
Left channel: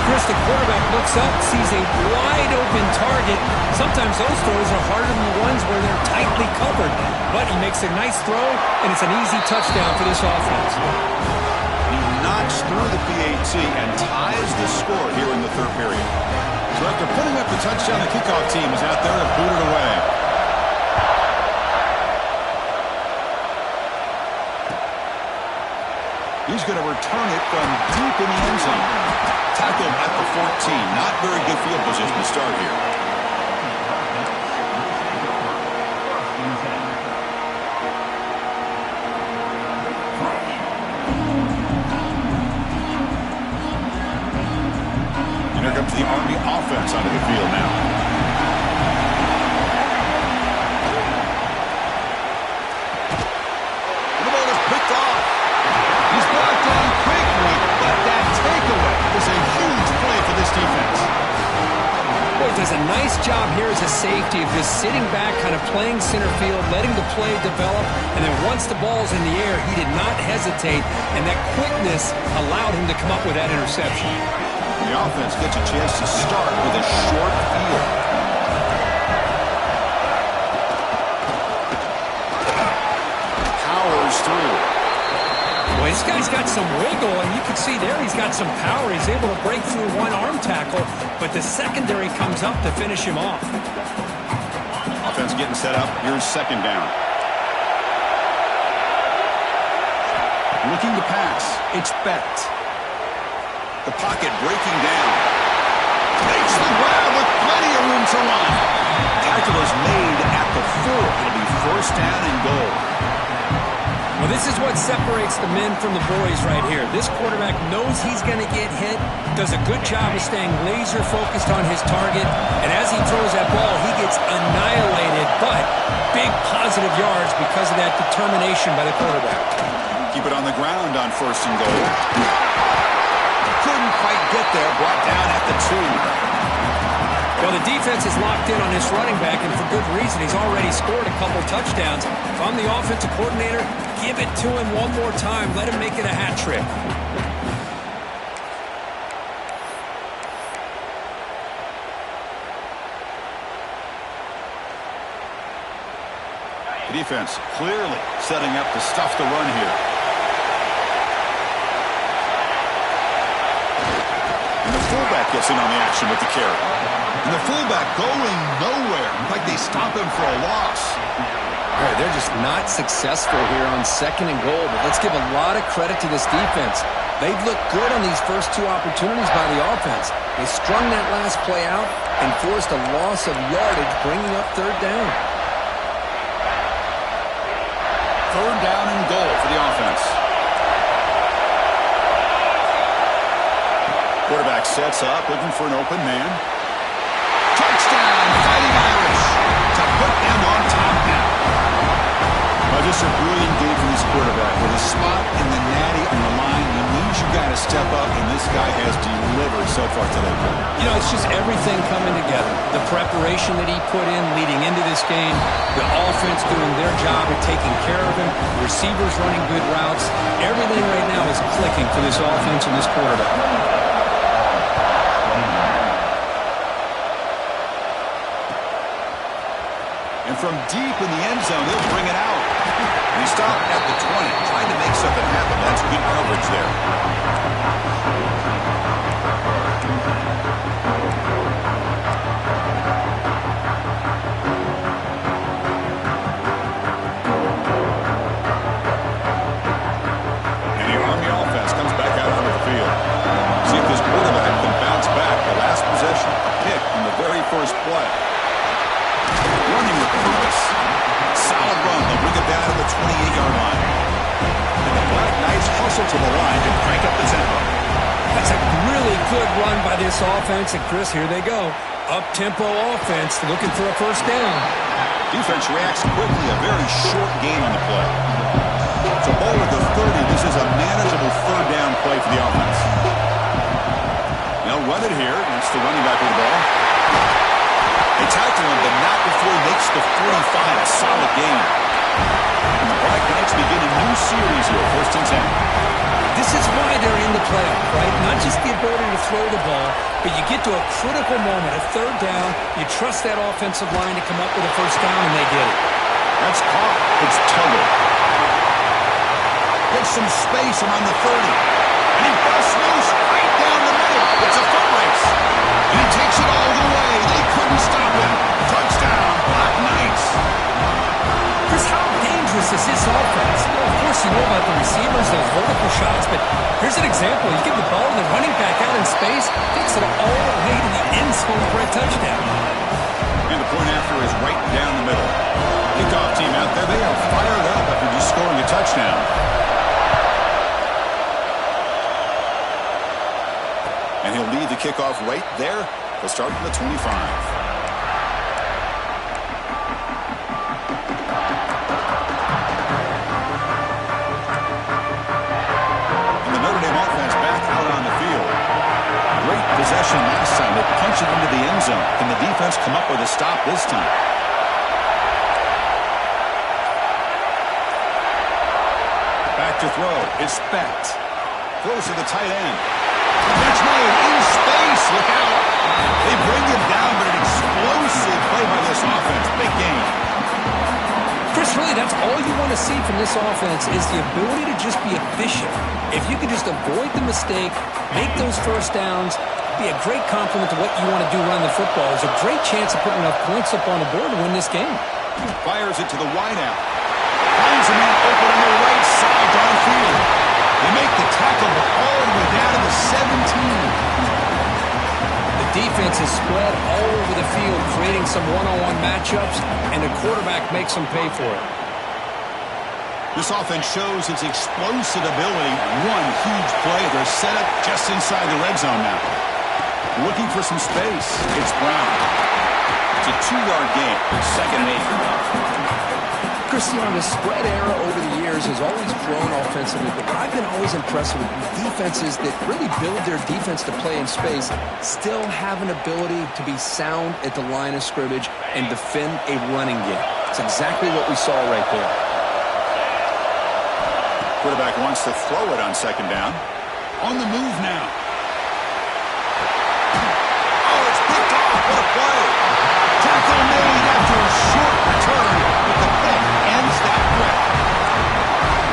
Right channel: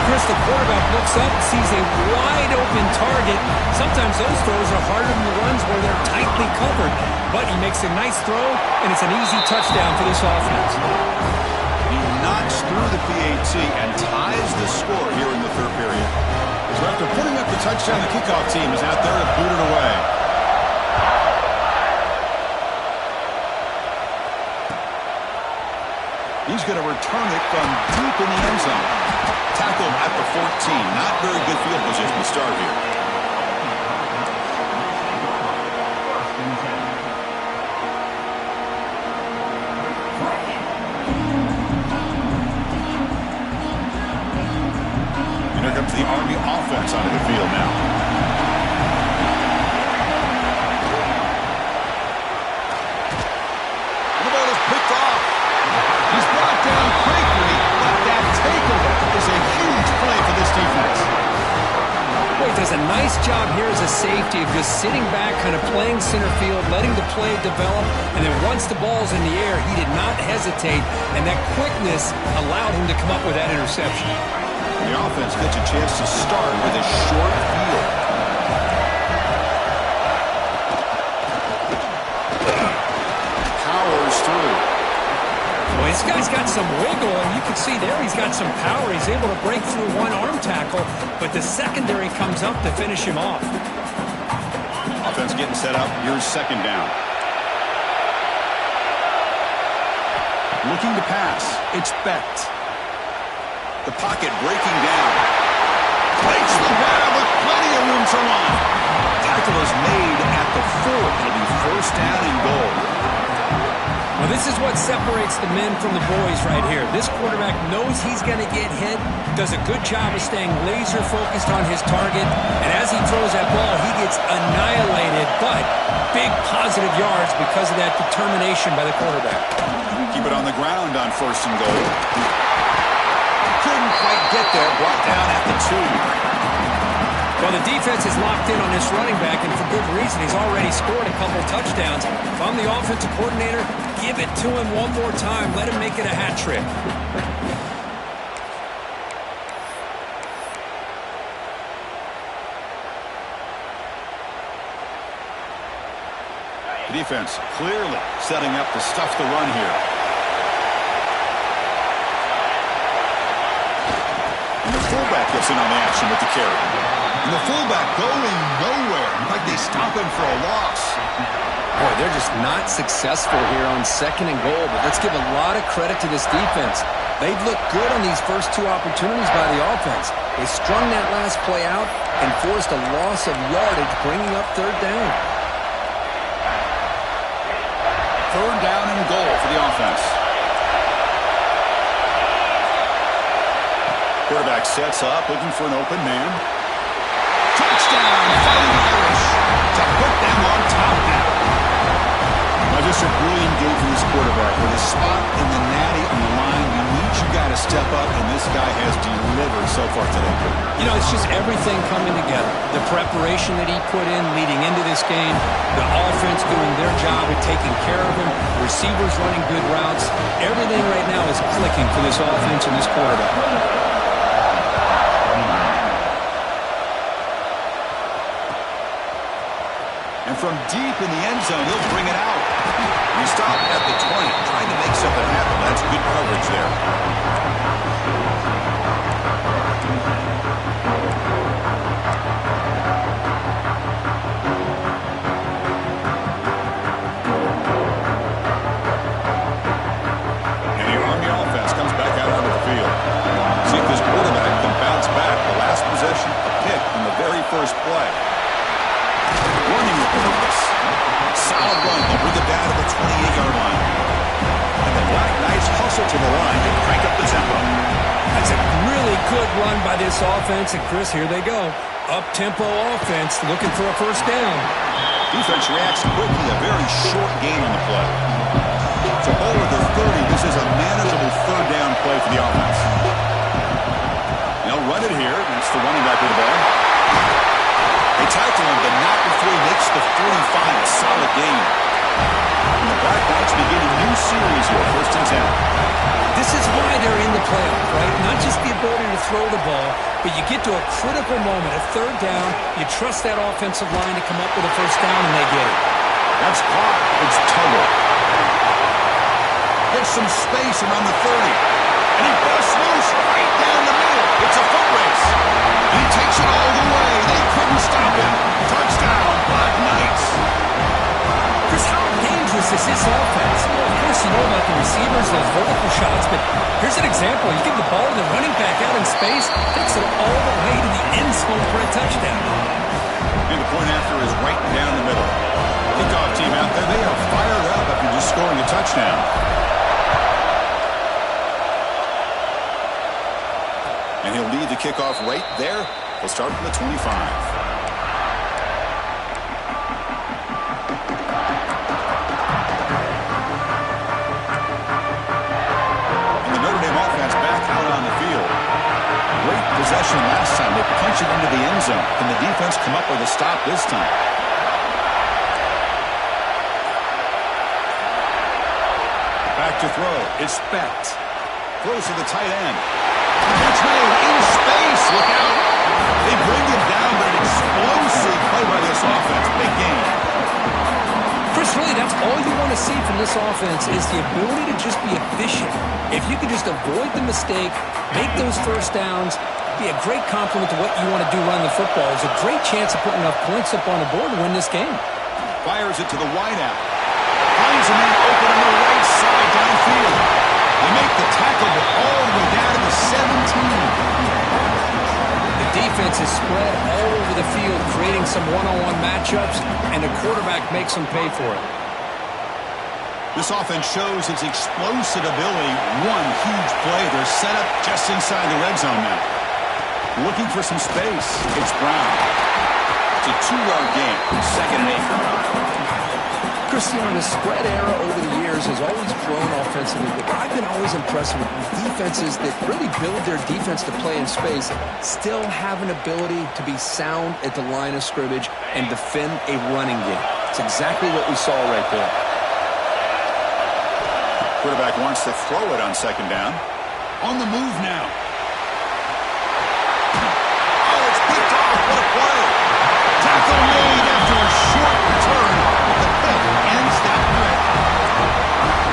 Chris, the quarterback looks up, sees a wide-open target. Sometimes those throws are harder than the ones where they're tightly covered. But he makes a nice throw, and it's an easy touchdown for this offense. He knocks through the PAT and ties the score here in the third period. So after putting up the touchdown, the kickoff team is out there to boot it away. He's going to return it from deep in the end zone. Tackled at the 14. Not very good field position to start here. And here comes the Army offense onto the field now. And the ball is picked off. He's brought down quickly, but that takeaway is a huge play for this defense. Boy, does a nice job here as a safety of just sitting back, kind of playing center field, letting the play develop, and then once the ball's in the air, he did not hesitate, and that quickness allowed him to come up with that interception. The offense gets a chance to start with a short field. Powers through. Boy, this guy's got some wiggle, and you can see there he's got some power. He's able to break through one arm tackle, but the secondary comes up to finish him off. Offense getting set up. Here's second down. Looking to pass. It's Becht. The pocket breaking down. Makes the grab with plenty of room to run. Tackle is made at the 4. It'll be first down and goal. Well, this is what separates the men from the boys right here. This quarterback knows he's going to get hit, does a good job of staying laser focused on his target, and as he throws that ball, he gets annihilated, but big positive yards because of that determination by the quarterback. Keep it on the ground on 1st and goal. Couldn't quite get there, brought down at the 2. Well, the defense is locked in on this running back, and for good reason. He's already scored a couple touchdowns. If I'm the offensive coordinator, give it to him one more time. Let him make it a hat trick. The defense clearly setting up to stuff the run here. And the fullback gets in on the action with the carry. And the fullback going nowhere. In fact, they stop him for a loss. Boy, they're just not successful here on 2nd and goal, but let's give a lot of credit to this defense. They've looked good on these first 2 opportunities by the offense. They strung that last play out and forced a loss of yardage, bringing up 3rd down. 3rd down and goal for the offense. Quarterback sets up, looking for an open man. Touchdown, Fighting Irish, to put them on top now. Well, just a brilliant game from this quarterback. With his spot in the natty on the line, you need your guy to step up, and this guy has delivered so far today. You know, it's just everything coming together. The preparation that he put in leading into this game, the offense doing their job at taking care of him, receivers running good routes. Everything right now is clicking for this offense and this quarterback. And from deep in the end zone, he'll bring it out. And he stopped at the 20, trying to make something happen. That's good coverage there. And the Army offense comes back out onto the field. See if this quarterback can bounce back. The last possession, a pick in the very first play. Running with purpose. Solid run. They'll bring it down to the 28-yard line. And the Black Knights hustle to the line to crank up the tempo. That's a really good run by this offense. And, Chris, here they go. Up-tempo offense looking for a 1st down. Defense reacts quickly. A very short gain on the play. So ball at the 30. This is a manageable 3rd down play for the offense. They'll run it here. That's the running back with the ball. They tackle him, but not before he makes the 45, a solid gain. And the Black Knights begin a new series here, 1st and 10. This is why they're in the playoff, right? Not just the ability to throw the ball, but you get to a critical moment, a 3rd down, you trust that offensive line to come up with a 1st down, and they get it. That's caught. It's Tuggle. Gets some space around the 30. And he busts loose right down the middle. It's a foot race. And he takes it all the way. They couldn't stop him. Touchdown, Black Knights. Chris, how dangerous is this offense? Well, of course, you know about the receivers, those vertical shots, but here's an example. You give the ball to the running back out in space, takes it all the way to the end zone for a touchdown. And the point after is right down the middle. Kickoff team out there, they are fired up after just scoring a touchdown. And he'll lead the kickoff right there. He'll start from the 25. And the Notre Dame offense back out on the field. Great possession last time. They punch it into the end zone. Can the defense come up with a stop this time? Back to throw. It's Specht. Throws to the tight end. Catch made in space. Look out. They bring him down, but an explosive play by this offense. Big game. Chris, really, that's all you want to see from this offense is the ability to just be efficient. If you can just avoid the mistake, make those 1st downs, be a great compliment to what you want to do running the football. There's a great chance of putting enough points up on the board to win this game. Fires it to the wideout. Finds a man open on the right side downfield. They make the tackle all the way down to the 17. The defense is spread all over the field, creating some one-on-one matchups, and the quarterback makes them pay for it. This offense shows its explosive ability. One huge play. They're set up just inside the red zone now. Looking for some space. It's Brown. It's a 2-yard gain. 2nd and 8. Cristiano, the spread era over the years has always grown offensively, but I've been always impressed with defenses that really build their defense to play in space, still have an ability to be sound at the line of scrimmage and defend a running game. It's exactly what we saw right there. Quarterback wants to throw it on 2nd down. On the move now. Oh, it's picked off. What a play. Tackle made after a short return, but the pick ends that play.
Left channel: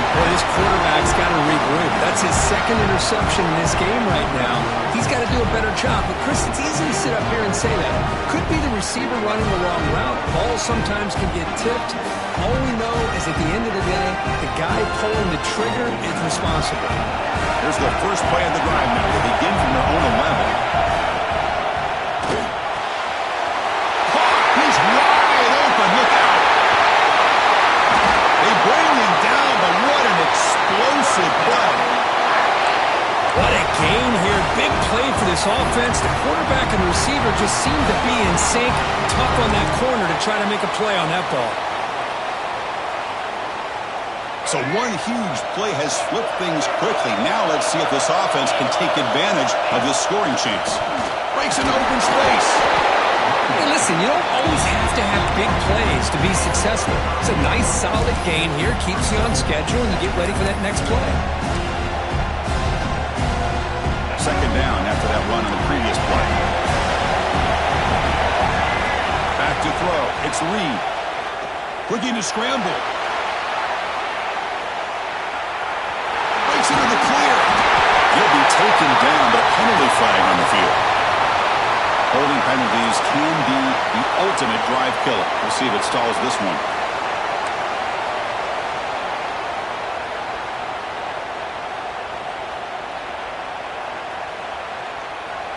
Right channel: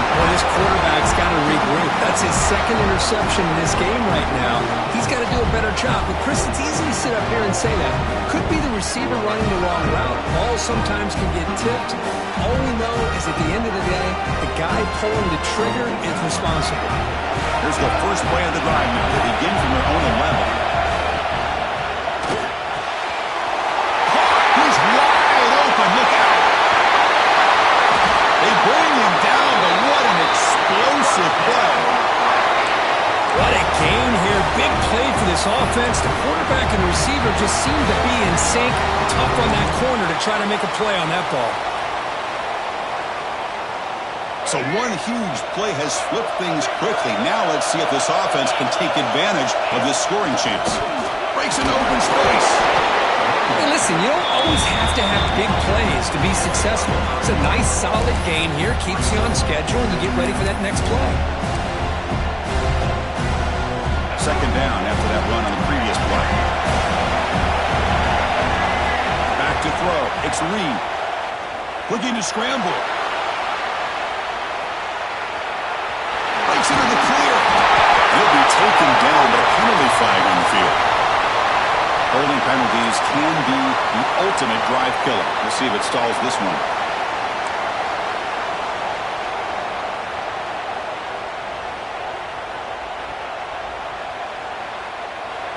Boy, this quarterback's got to regroup. That's his 2nd interception in this game right now. He's got to do a better job. But, Chris, it's easy to sit up here and say that. Could be the receiver running the wrong route. Balls sometimes can get tipped. All we know is at the end of the day, the guy pulling the trigger is responsible. Here's the first play of the drive now. They begin from their own 11. He's wide open. Look out. They bring him down, but what an explosive play. What a gain here. Big play for this offense. The quarterback and the receiver just seem to be in sync. Tough on that corner to try to make a play on that ball. So one huge play has flipped things quickly. Now let's see if this offense can take advantage of this scoring chance. Breaks into open space. Hey, listen, you don't always have to have big plays to be successful. It's a nice, solid gain here. Keeps you on schedule, and you get ready for that next play. 2nd down after that run on the previous play. Back to throw. It's Reed. Looking to scramble. Breaks into the clear. He'll be taken down, but a penalty flag on the field. Holding penalties can be the ultimate drive killer. We'll see if it stalls this one.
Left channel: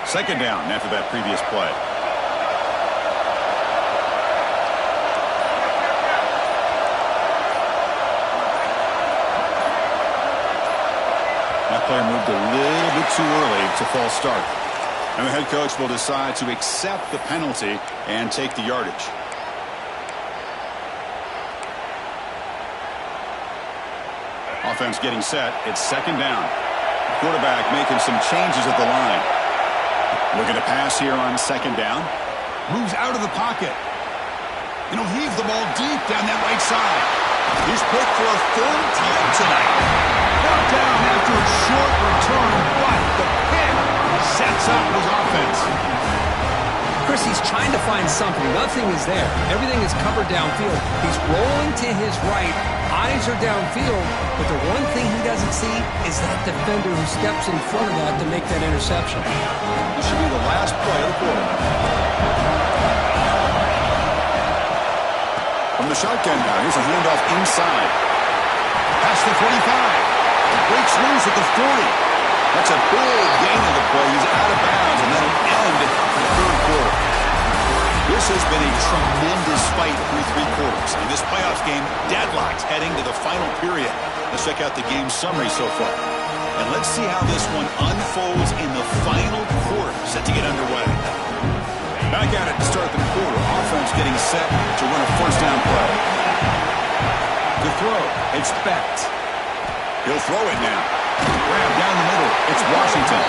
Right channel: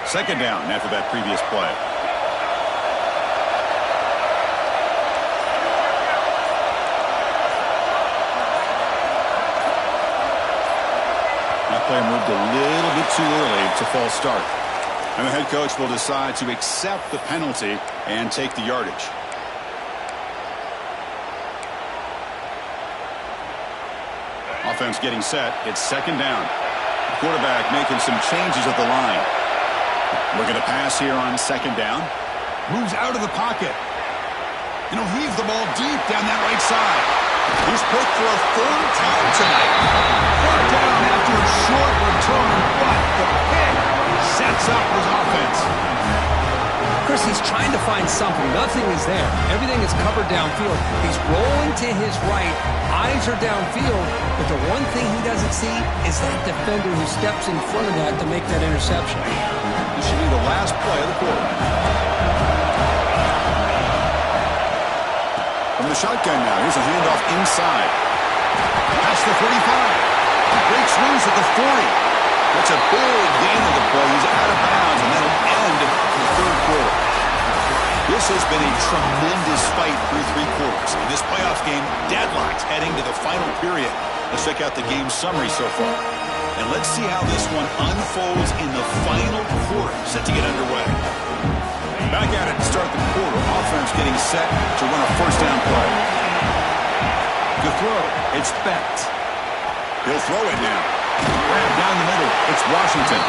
Second down after that previous play. That player moved a little bit too early. It's a false start. And the head coach will decide to accept the penalty and take the yardage. Offense getting set. It's 2nd down. The quarterback making some changes at the line. Looking to pass here on 2nd down. Moves out of the pocket. And he'll heave the ball deep down that right side. He's picked for a 3rd time tonight. Brought down after a short return, but the pick sets up his offense. Chris, he's trying to find something. Nothing is there. Everything is covered downfield. He's rolling to his right. Eyes are downfield. But the one thing he doesn't see is that defender who steps in front of that to make that interception. This should be the last play of the quarter. From the shotgun now, here's a handoff inside. Past the 45. Breaks loose at the 40. That's a big gain of the play. He's out of bounds, and that'll end the 3rd quarter. This has been a tremendous fight through 3 quarters. In this playoff game, deadlocked heading to the final period. Let's check out the game summary so far. And let's see how this one unfolds in the final quarter, set to get underway. Back at it to start the quarter. Offense getting set to run a 1st down play. To throw, it's Becht. He'll throw it now. Grab down the middle. It's Washington.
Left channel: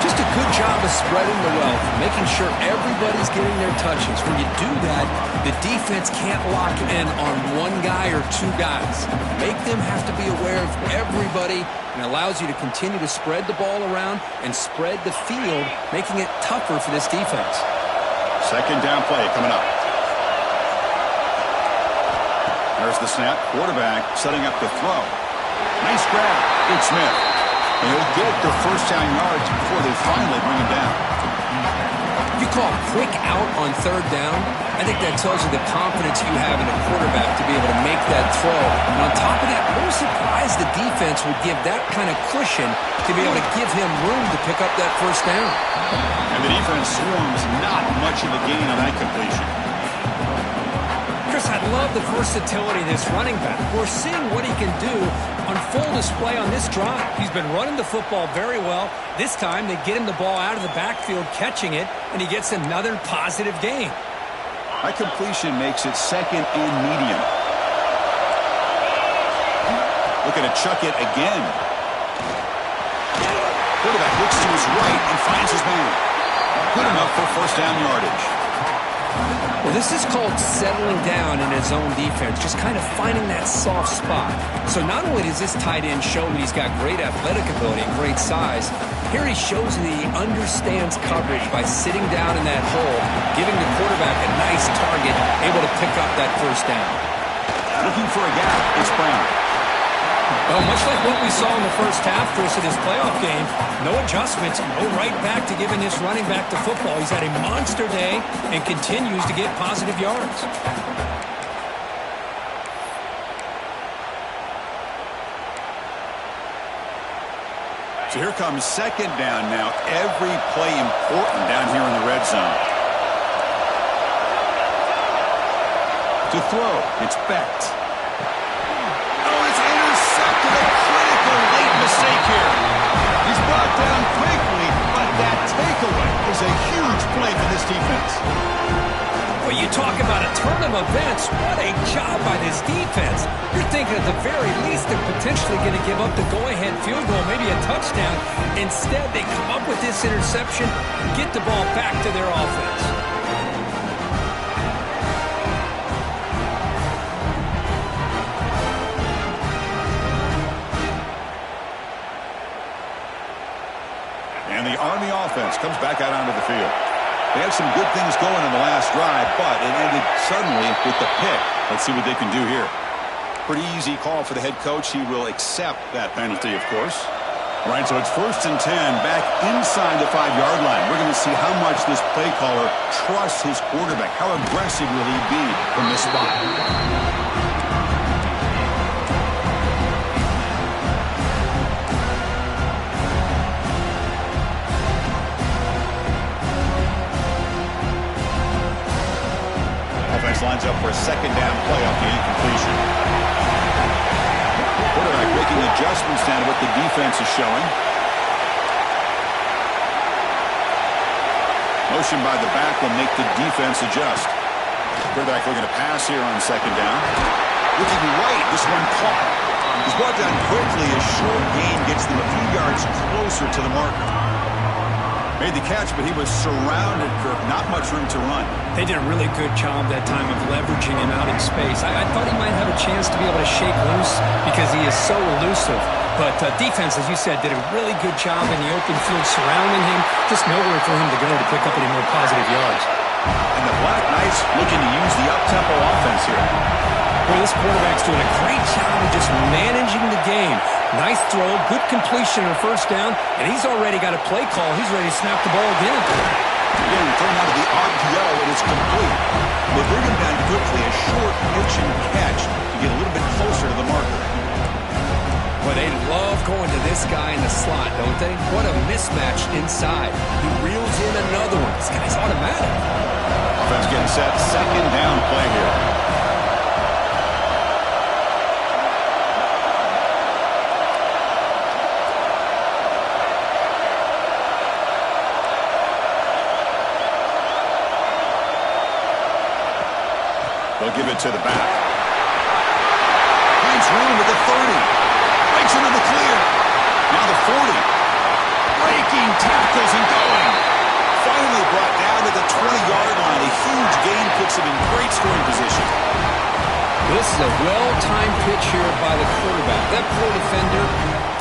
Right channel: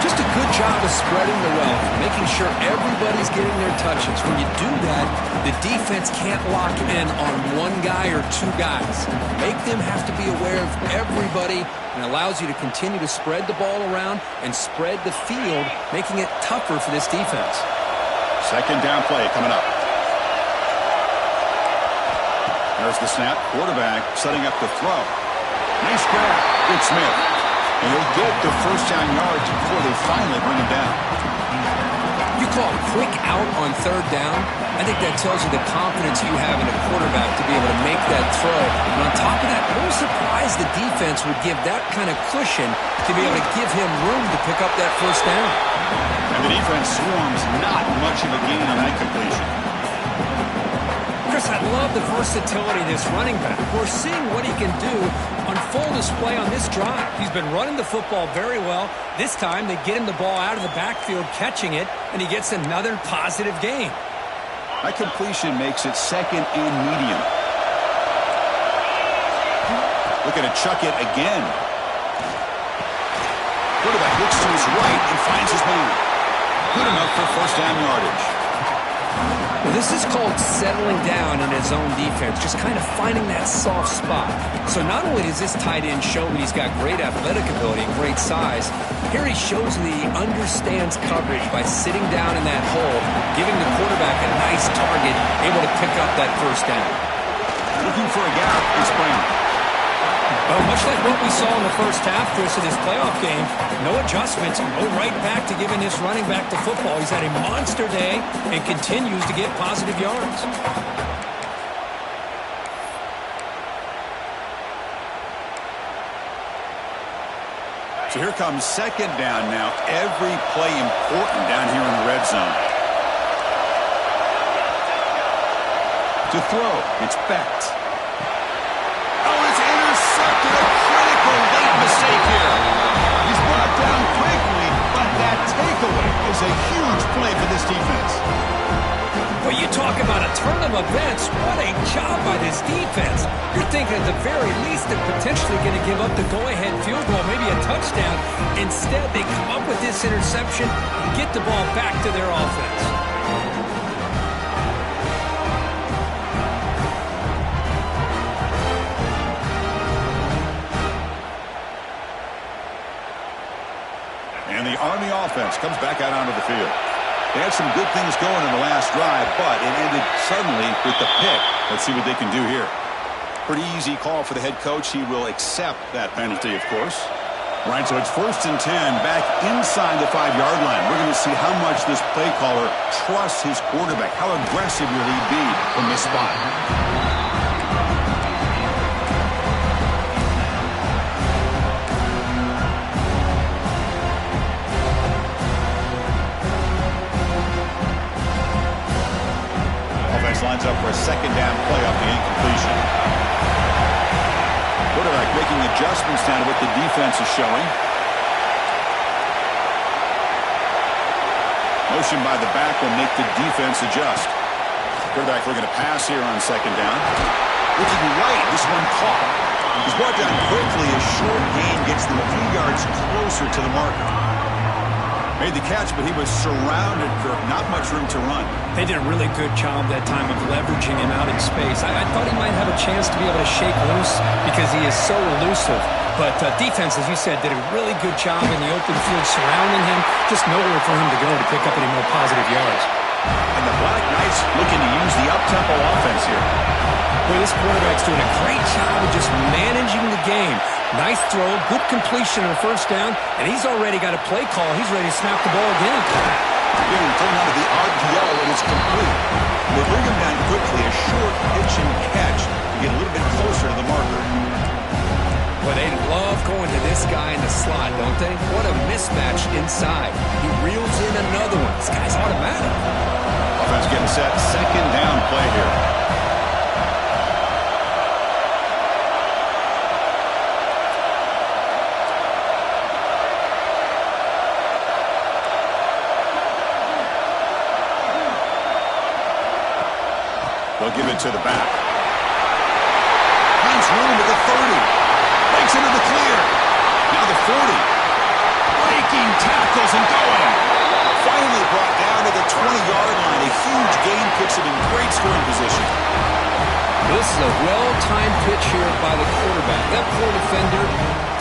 Just a good job of spreading the wealth, making sure everybody's getting their touches. When you do that, the defense can't lock in on one guy or 2 guys. Make them have to be aware of everybody, and allows you to continue to spread the ball around and spread the field, making it tougher for this defense. 2nd down play coming up. There's the snap. Quarterback setting up to throw. Nice grab. It's Smith. And he'll get the 1st down yards before they finally bring him down. You call quick out on 3rd down. I think that tells you the confidence you have in a quarterback to be able to make that throw. And on top of that, a little surprised the defense would give that kind of cushion to be able to give him room to pick up that 1st down. And the defense swarms not much of a gain on that completion. Chris, I love the versatility of this running back. We're seeing what he can do on full display on this drive. He's been running the football very well. This time, they get him the ball out of the backfield, catching it, and he gets another positive gain. That completion makes it second and medium. Looking to chuck it again. Quarterback looks to his right and finds his man. Good enough for first down yardage. Well, this is called settling down in his own defense, just kind of finding that soft spot. So not only does this tight end show that he's got great athletic ability and great size, here he shows that he understands coverage by sitting down in that hole, giving the quarterback a nice target, able to pick up that first down. Looking for a gap, it's Brown. Well, much like what we saw in the first half, Chris, of this playoff game, no adjustments, go right back to giving this running back the football. He's had a monster day and continues to get positive yards. So here comes second down now. Every play important down here in the red zone. To throw, it's Becht. Oh, it's intercepted. A critical late mistake here. He's brought down quickly, but that takeaway is a huge play for this defense. Well, you talk about a turn of events. What a job by this defense. You're thinking at the very least they're potentially going to give up the go-ahead field goal, maybe a touchdown. Instead, they come up with this interception and get the ball back to their offense. And the Army offense comes back out onto the field. They had some good things going in the last drive, but it ended suddenly with the pick. Let's see what they can do here. Pretty easy call for the head coach. He will accept that penalty, of course. All right, so it's 1st and 10 back inside the 5-yard line. We're going to see how much this play caller trusts his quarterback. How aggressive will he be from this spot? Lines up for a second down play off the incompletion. Quarterback making adjustments down to what the defense is showing. Motion by the back will make the defense adjust. Quarterback looking to pass here on second down. Looking right, this one caught. He's brought down quickly. A short gain gets them a few yards closer to the marker. Made the catch, but he was surrounded, Kirk. Not much room to run. They did a really good job that time of leveraging him out in space. I thought he might have a chance to be able to shake loose because he is so elusive. But defense, as you said, did a really good job in the open field surrounding him. Just nowhere for him to go to pick up any more positive yards. And the Black Knights looking to use the up-tempo offense here. Boy, this quarterback's doing a great job of just managing the game. Nice throw, good completion on first down, and he's already got a play call. He's ready to snap the ball again. Again, thrown out of the RPO, and it's complete. They bring him down quickly, a short pitch and catch to get a little bit closer to the marker. Boy, they love going to this guy in the slot, don't they? What a mismatch inside. He reels in another one. This guy's automatic. Offense getting set, second down play here. They'll give it to the back. Finds room at the 30. Breaks into the clear. Now the 40. Breaking tackles and going. Finally brought down to the 20-yard line. A huge gain puts him in great scoring position. This is a well-timed pitch here by the quarterback. That poor defender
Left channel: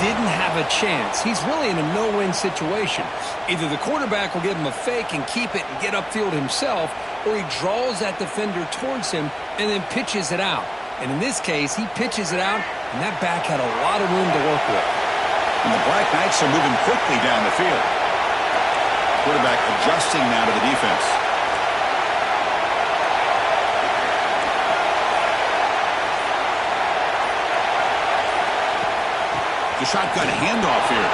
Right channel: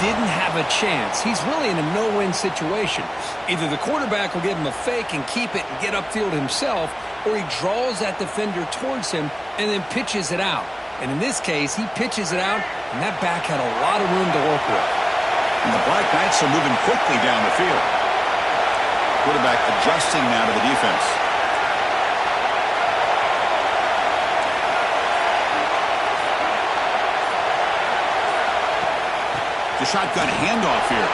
didn't have a chance. He's really in a no-win situation. Either the quarterback will give him a fake and keep it and get upfield himself, or he draws that defender towards him and then pitches it out. And in this case, he pitches it out, and that back had a lot of room to work with. And the Black Knights are moving quickly down the field. Quarterback adjusting now to the defense. The shotgun handoff here.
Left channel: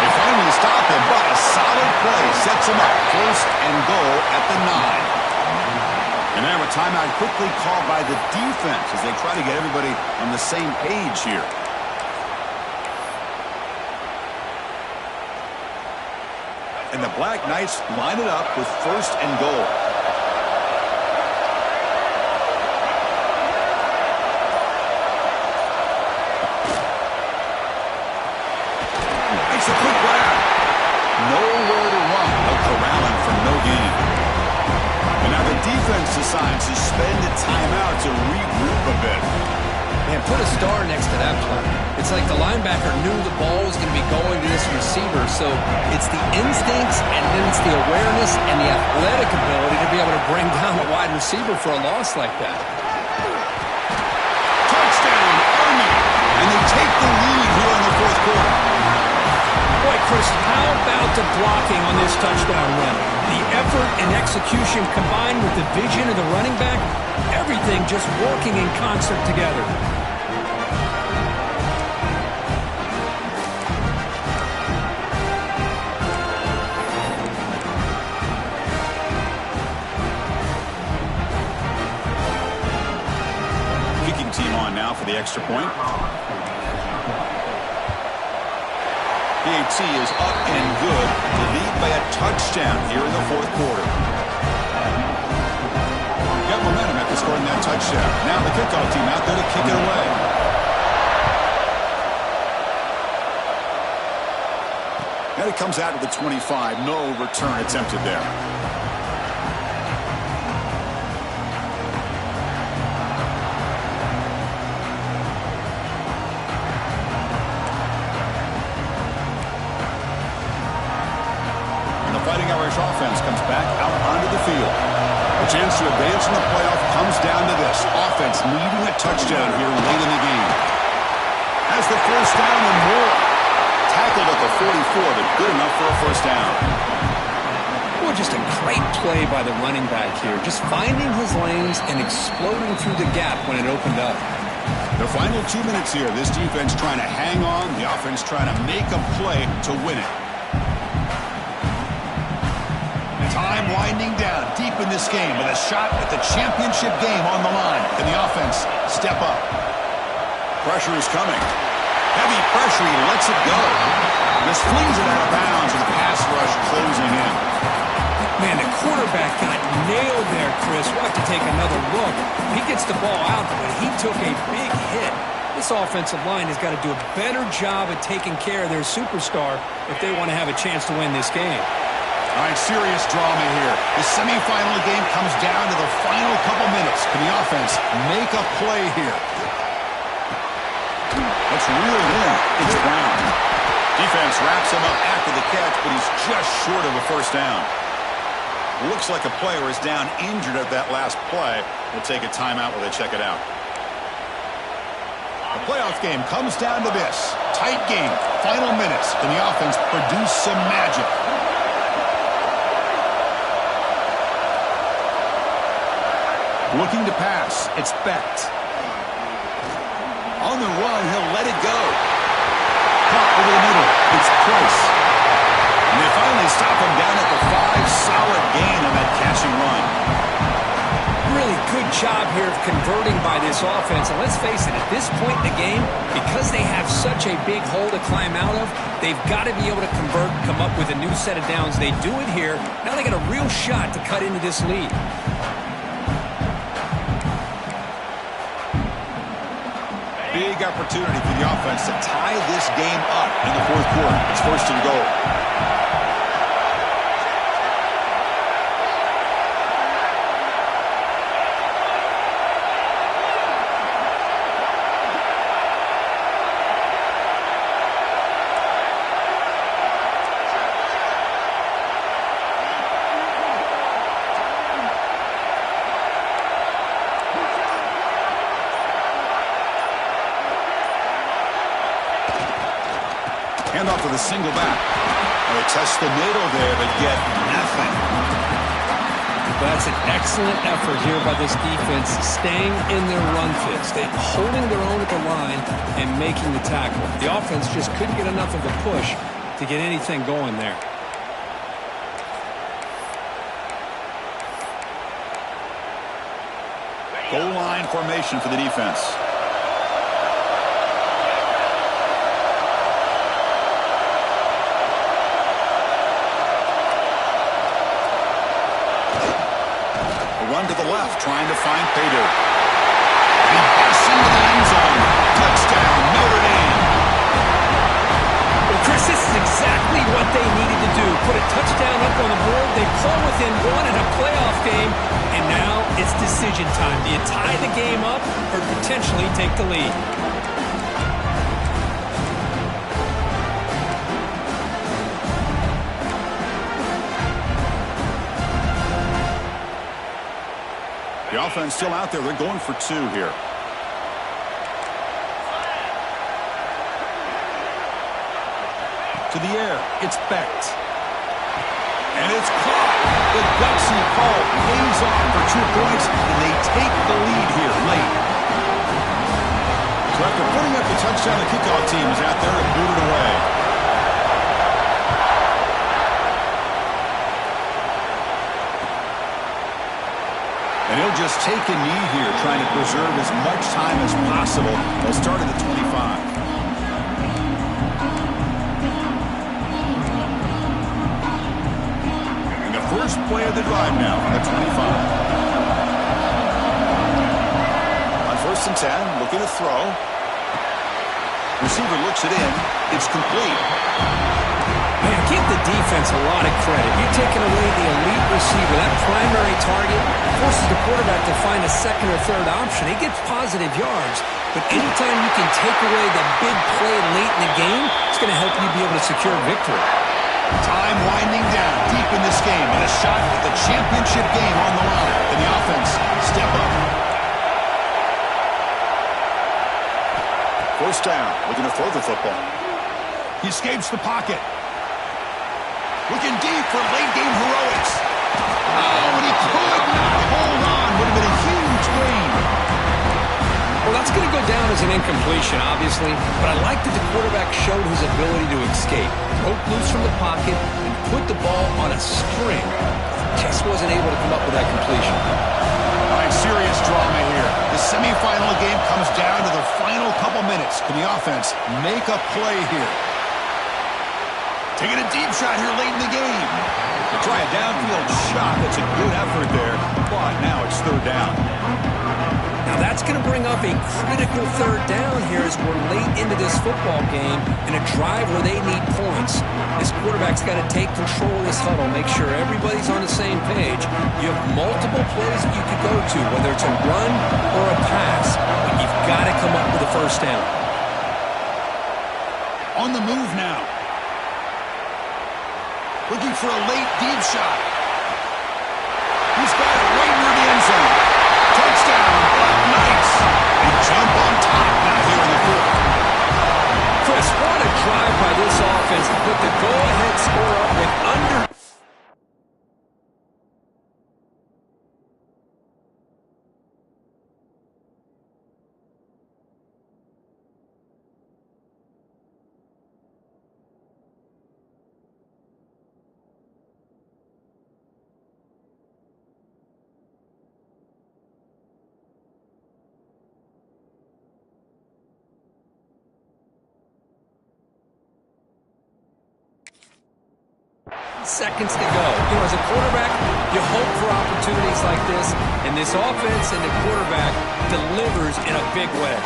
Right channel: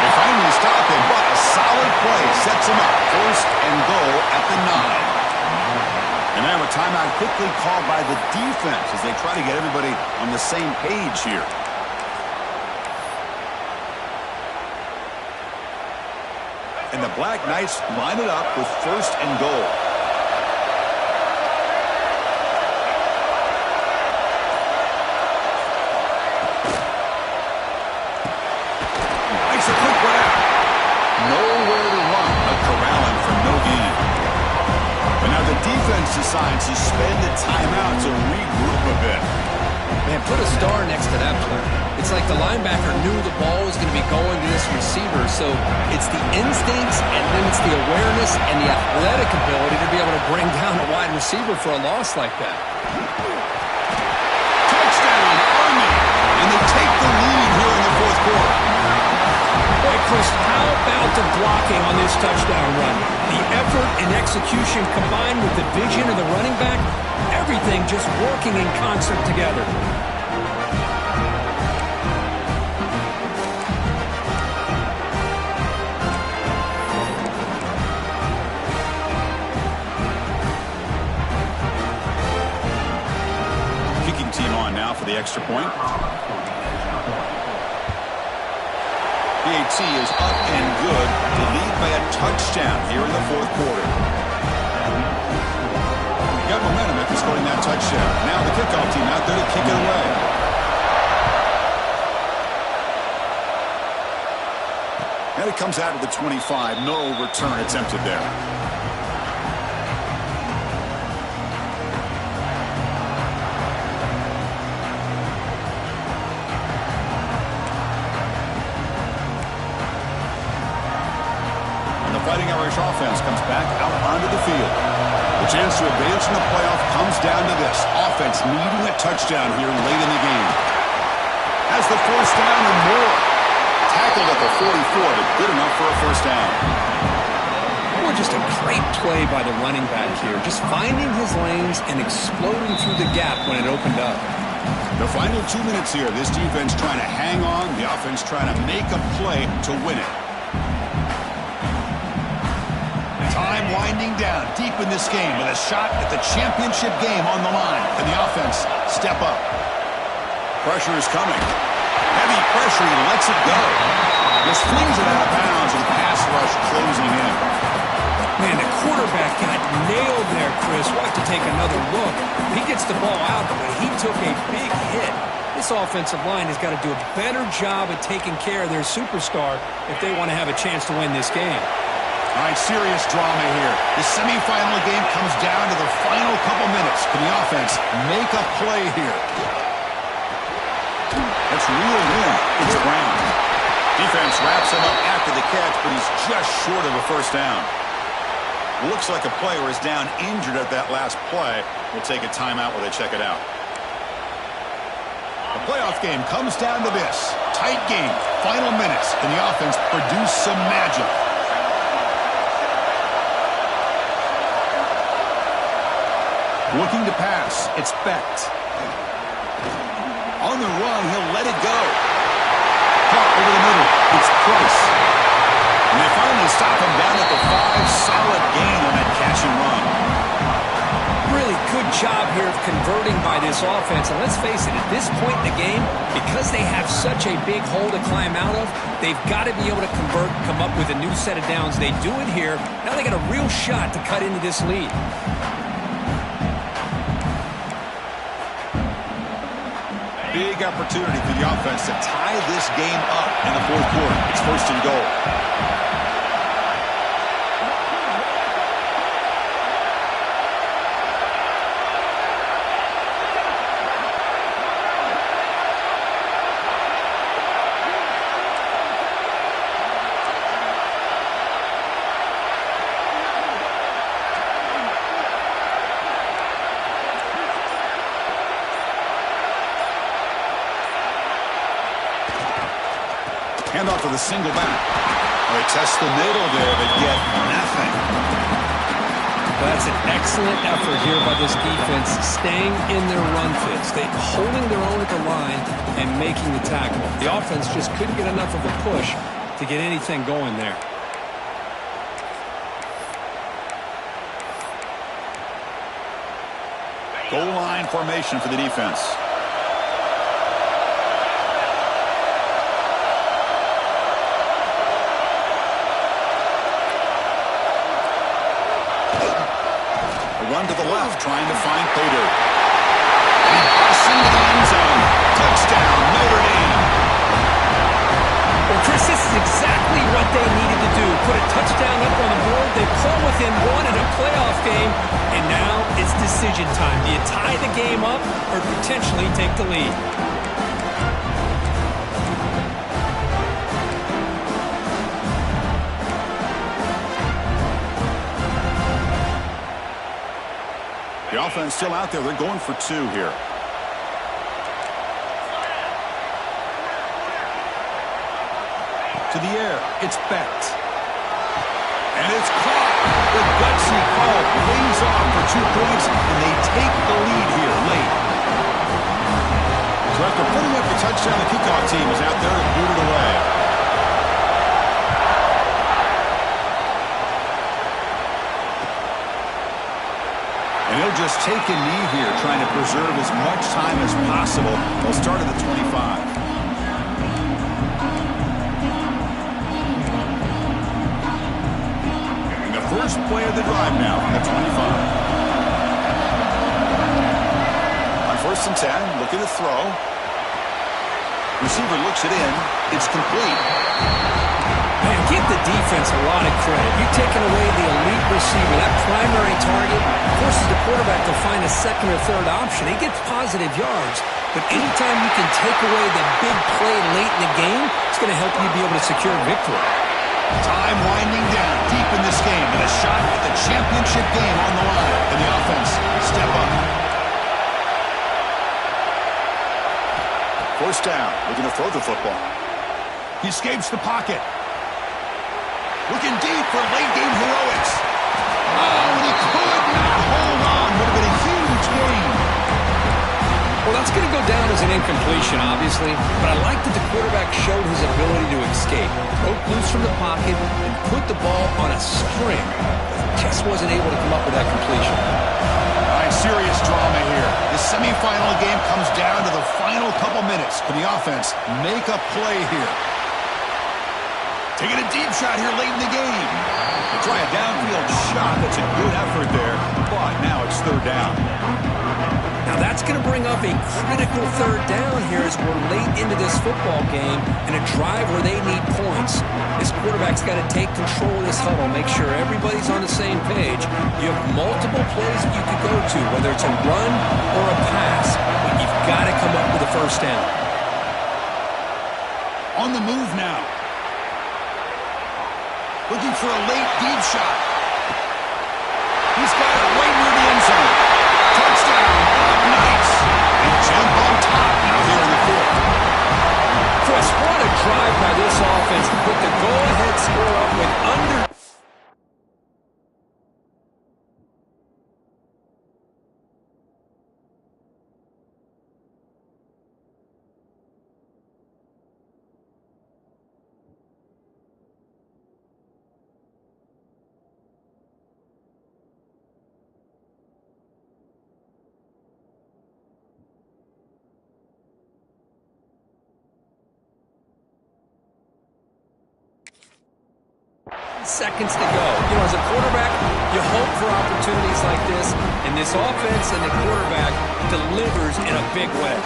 They finally stop him, but a solid play sets him up. 1st and goal at the 9. And now a timeout quickly called by the defense as they try to get everybody on the same page here. And the Black Knights line it up with 1st and goal. Makes a quick grab. Nowhere to run. A corralling for no gain. And now the defense decides to spend a timeout to regroup a bit. Man, put a star next to that play. It's like the linebacker knew the ball was going to be going to this receiver, so it's the instincts and then it's the awareness and the athletic ability to be able to bring down a wide receiver for a loss like that. Touchdown, Army! And they take the lead here in the 4th quarter. Boy, Chris, how about the blocking on this touchdown run? The effort and execution combined with the vision of the running back, everything just working in concert together. Kicking team on now for the extra point. PAT is up and good to lead by a touchdown here in the 4th quarter. Got momentum after scoring that touchdown. Now the kickoff team out there to kick it away. And it comes out to the 25. No return attempted there. Fighting Irish offense comes back out onto the field. A chance to advance in the playoff comes down to this. Offense needing a touchdown here late in the game. Has the 1st down and more. Tackled at the 44, but good enough for a 1st down. Boy, just a great play by the running back here. Just finding his lanes and exploding through the gap when it opened up. The final 2 minutes here. This defense trying to hang on. The offense trying to make a play to win it. Time winding down deep in this game with a shot at the championship game on the line. Can the offense step up? Pressure is coming. Heavy pressure. He lets it go. Just flings it out of bounds and pass rush closing in. Man, the quarterback got nailed there, Chris. We'll have to take another look. He gets the ball out, but he took a big hit. This offensive line has got to do a better job of taking care of their superstar if they want to have a chance to win this game. All right, serious drama here. The semifinal game comes down to the final couple minutes. Can the offense make a play here? That's reeled in. It's Brown. Defense wraps him up after the catch, but he's just short of a 1st down. Looks like a player is down injured at that last play. We'll take a timeout while they check it out. The playoff game comes down to this. Tight game. Final minutes. Can the offense produce some magic? Looking to pass. It's Becht. On the run, he'll let it go. Caught over the middle. It's Price. And they finally stop him down at the 5. Solid gain on that catch and run. Really good job here of converting by this offense. And let's face it, at this point in the game, because they have such a big hole to climb out of, they've got to be able to convert, come up with a new set of downs. They do it here. Now they got a real shot to cut into this lead. Big opportunity for the offense to tie this game up in the 4th quarter. It's 1st and goal. Handoff to the single back. Well, they test the middle there, but get nothing. That's an excellent effort here by this defense, staying in their run fits. They holding their own at the line and making the tackle. The offense just couldn't get enough of a push to get anything going there. Goal line formation for the defense. Run to the left, trying to find Pater. He busts into the end zone. Touchdown, Notre Dame. Well, Chris, this is exactly what they needed to do. Put a touchdown up on the board. They pull within one in a playoff game, and now it's decision time. Do you tie the game up or potentially take the lead? The offense still out there. They're going for two here. To the air. It's Becht. And it's caught. The gutsy call pays off for 2 points, and they take the lead here late. So after putting up the touchdown, the kickoff team is out there and booted away. And he'll just take a knee here, trying to preserve as much time as possible. They'll start at the 25. And the first play of the drive now from the 25. On 1st and 10, looking to throw. Receiver looks it in. It's complete. Man, give the defense a lot of credit. You're taking away the elite receiver. That primary target forces the quarterback to find a second or third option. He gets positive yards, but anytime you can take away the big play late in the game, it's going to help you be able to secure victory. Time winding down deep in this game, and a shot at the championship game on the line. And the offense step up. 1st down, looking to throw the football. He escapes the pocket. Looking deep for late-game heroics. Oh, and he could not hold on. Would have been a huge gain. Well, that's going to go down as an incompletion, obviously, but I like that the quarterback showed his ability to escape. Broke loose from the pocket and put the ball on a string. Just wasn't able to come up with that completion. All right, serious drama here. The semifinal game comes down to the final couple minutes. Can the offense make a play here? Taking a deep shot here late in the game. They try a downfield shot. That's a good effort there, but now it's 3rd down. Now that's going to bring up a critical 3rd down here as we're late into this football game in a drive where they need points. This quarterback's got to take control of this huddle, make sure everybody's on the same page. You have multiple plays that you could go to, whether it's a run or a pass, but you've got to come up with a 1st down. On the move now. Looking for a late deep shot. He's got it right near the end zone. Touchdown. Nice. They jump on top now here in the 4th. Chris, what a drive by this offense to put the go-ahead score up with under... seconds to go. You know, as a quarterback, you hope for opportunities like this, and this offense and the quarterback delivers in a big way.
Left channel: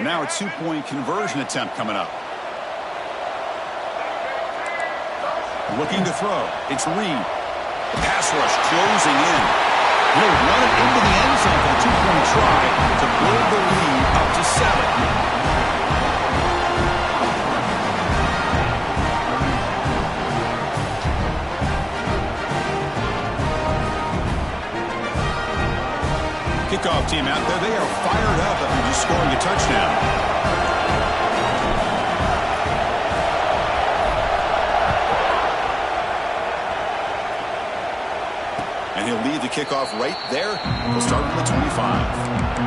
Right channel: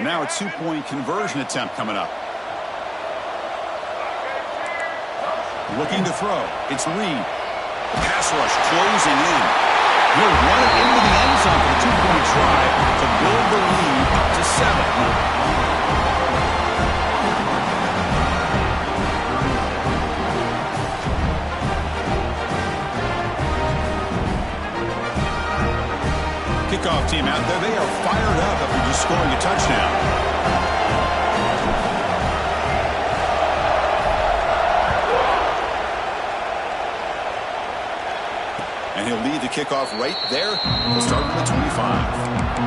Now a 2-point conversion attempt coming up. Looking to throw. It's Reed. The pass rush closing in. He'll run it into the end zone for the 2-point try to build the lead up to 7. Kickoff team out there. They are fired up after just scoring a touchdown. And he'll lead the kickoff right there. He'll start from the 25.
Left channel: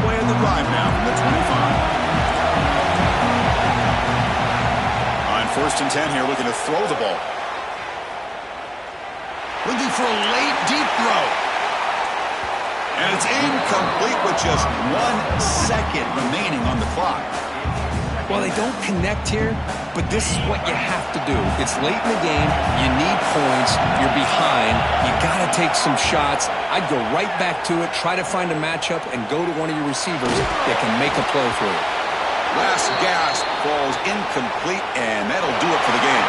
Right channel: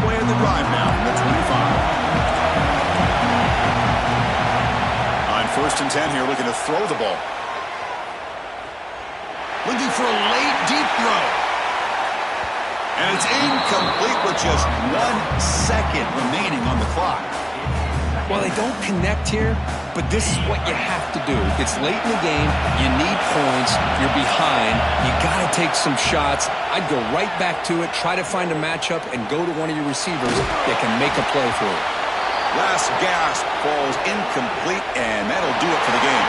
Play of the drive now from the 25. On 1st and 10 here, looking to throw the ball. Looking for a late, deep throw. And it's incomplete with just 1 second remaining on the clock. Well, they don't connect here, but this is what you have to do. It's late in the game. You need points. You're behind. You got to take some shots. I'd go right back to it, try to find a matchup, and go to one of your receivers that can make a play for you. Last gasp falls incomplete, and that'll do it for the game.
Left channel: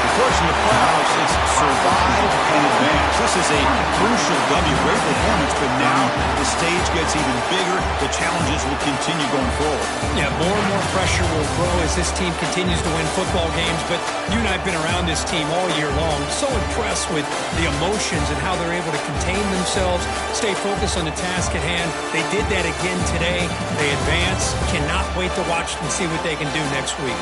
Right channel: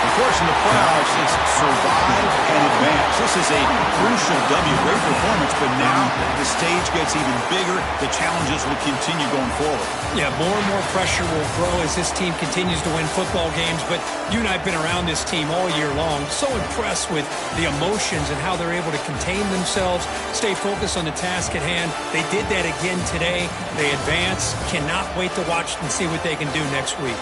Of course, in the playoffs, it's survive and advance. This is a crucial W. Great performance, but now the stage gets even bigger. The challenges will continue going forward. Yeah, more and more pressure will grow as this team continues to win football games, but you and I have been around this team all year long. So impressed with the emotions and how they're able to contain themselves, stay focused on the task at hand. They did that again today. They advance. Cannot wait to watch and see what they can do next week.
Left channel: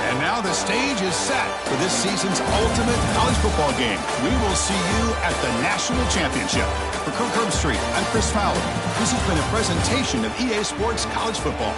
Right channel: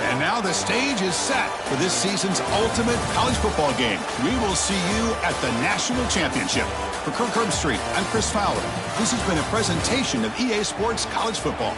And now the stage is set for this season's ultimate college football game. We will see you at the National Championship. For Kirk Herbstreit, I'm Chris Fowler. This has been a presentation of EA Sports College Football.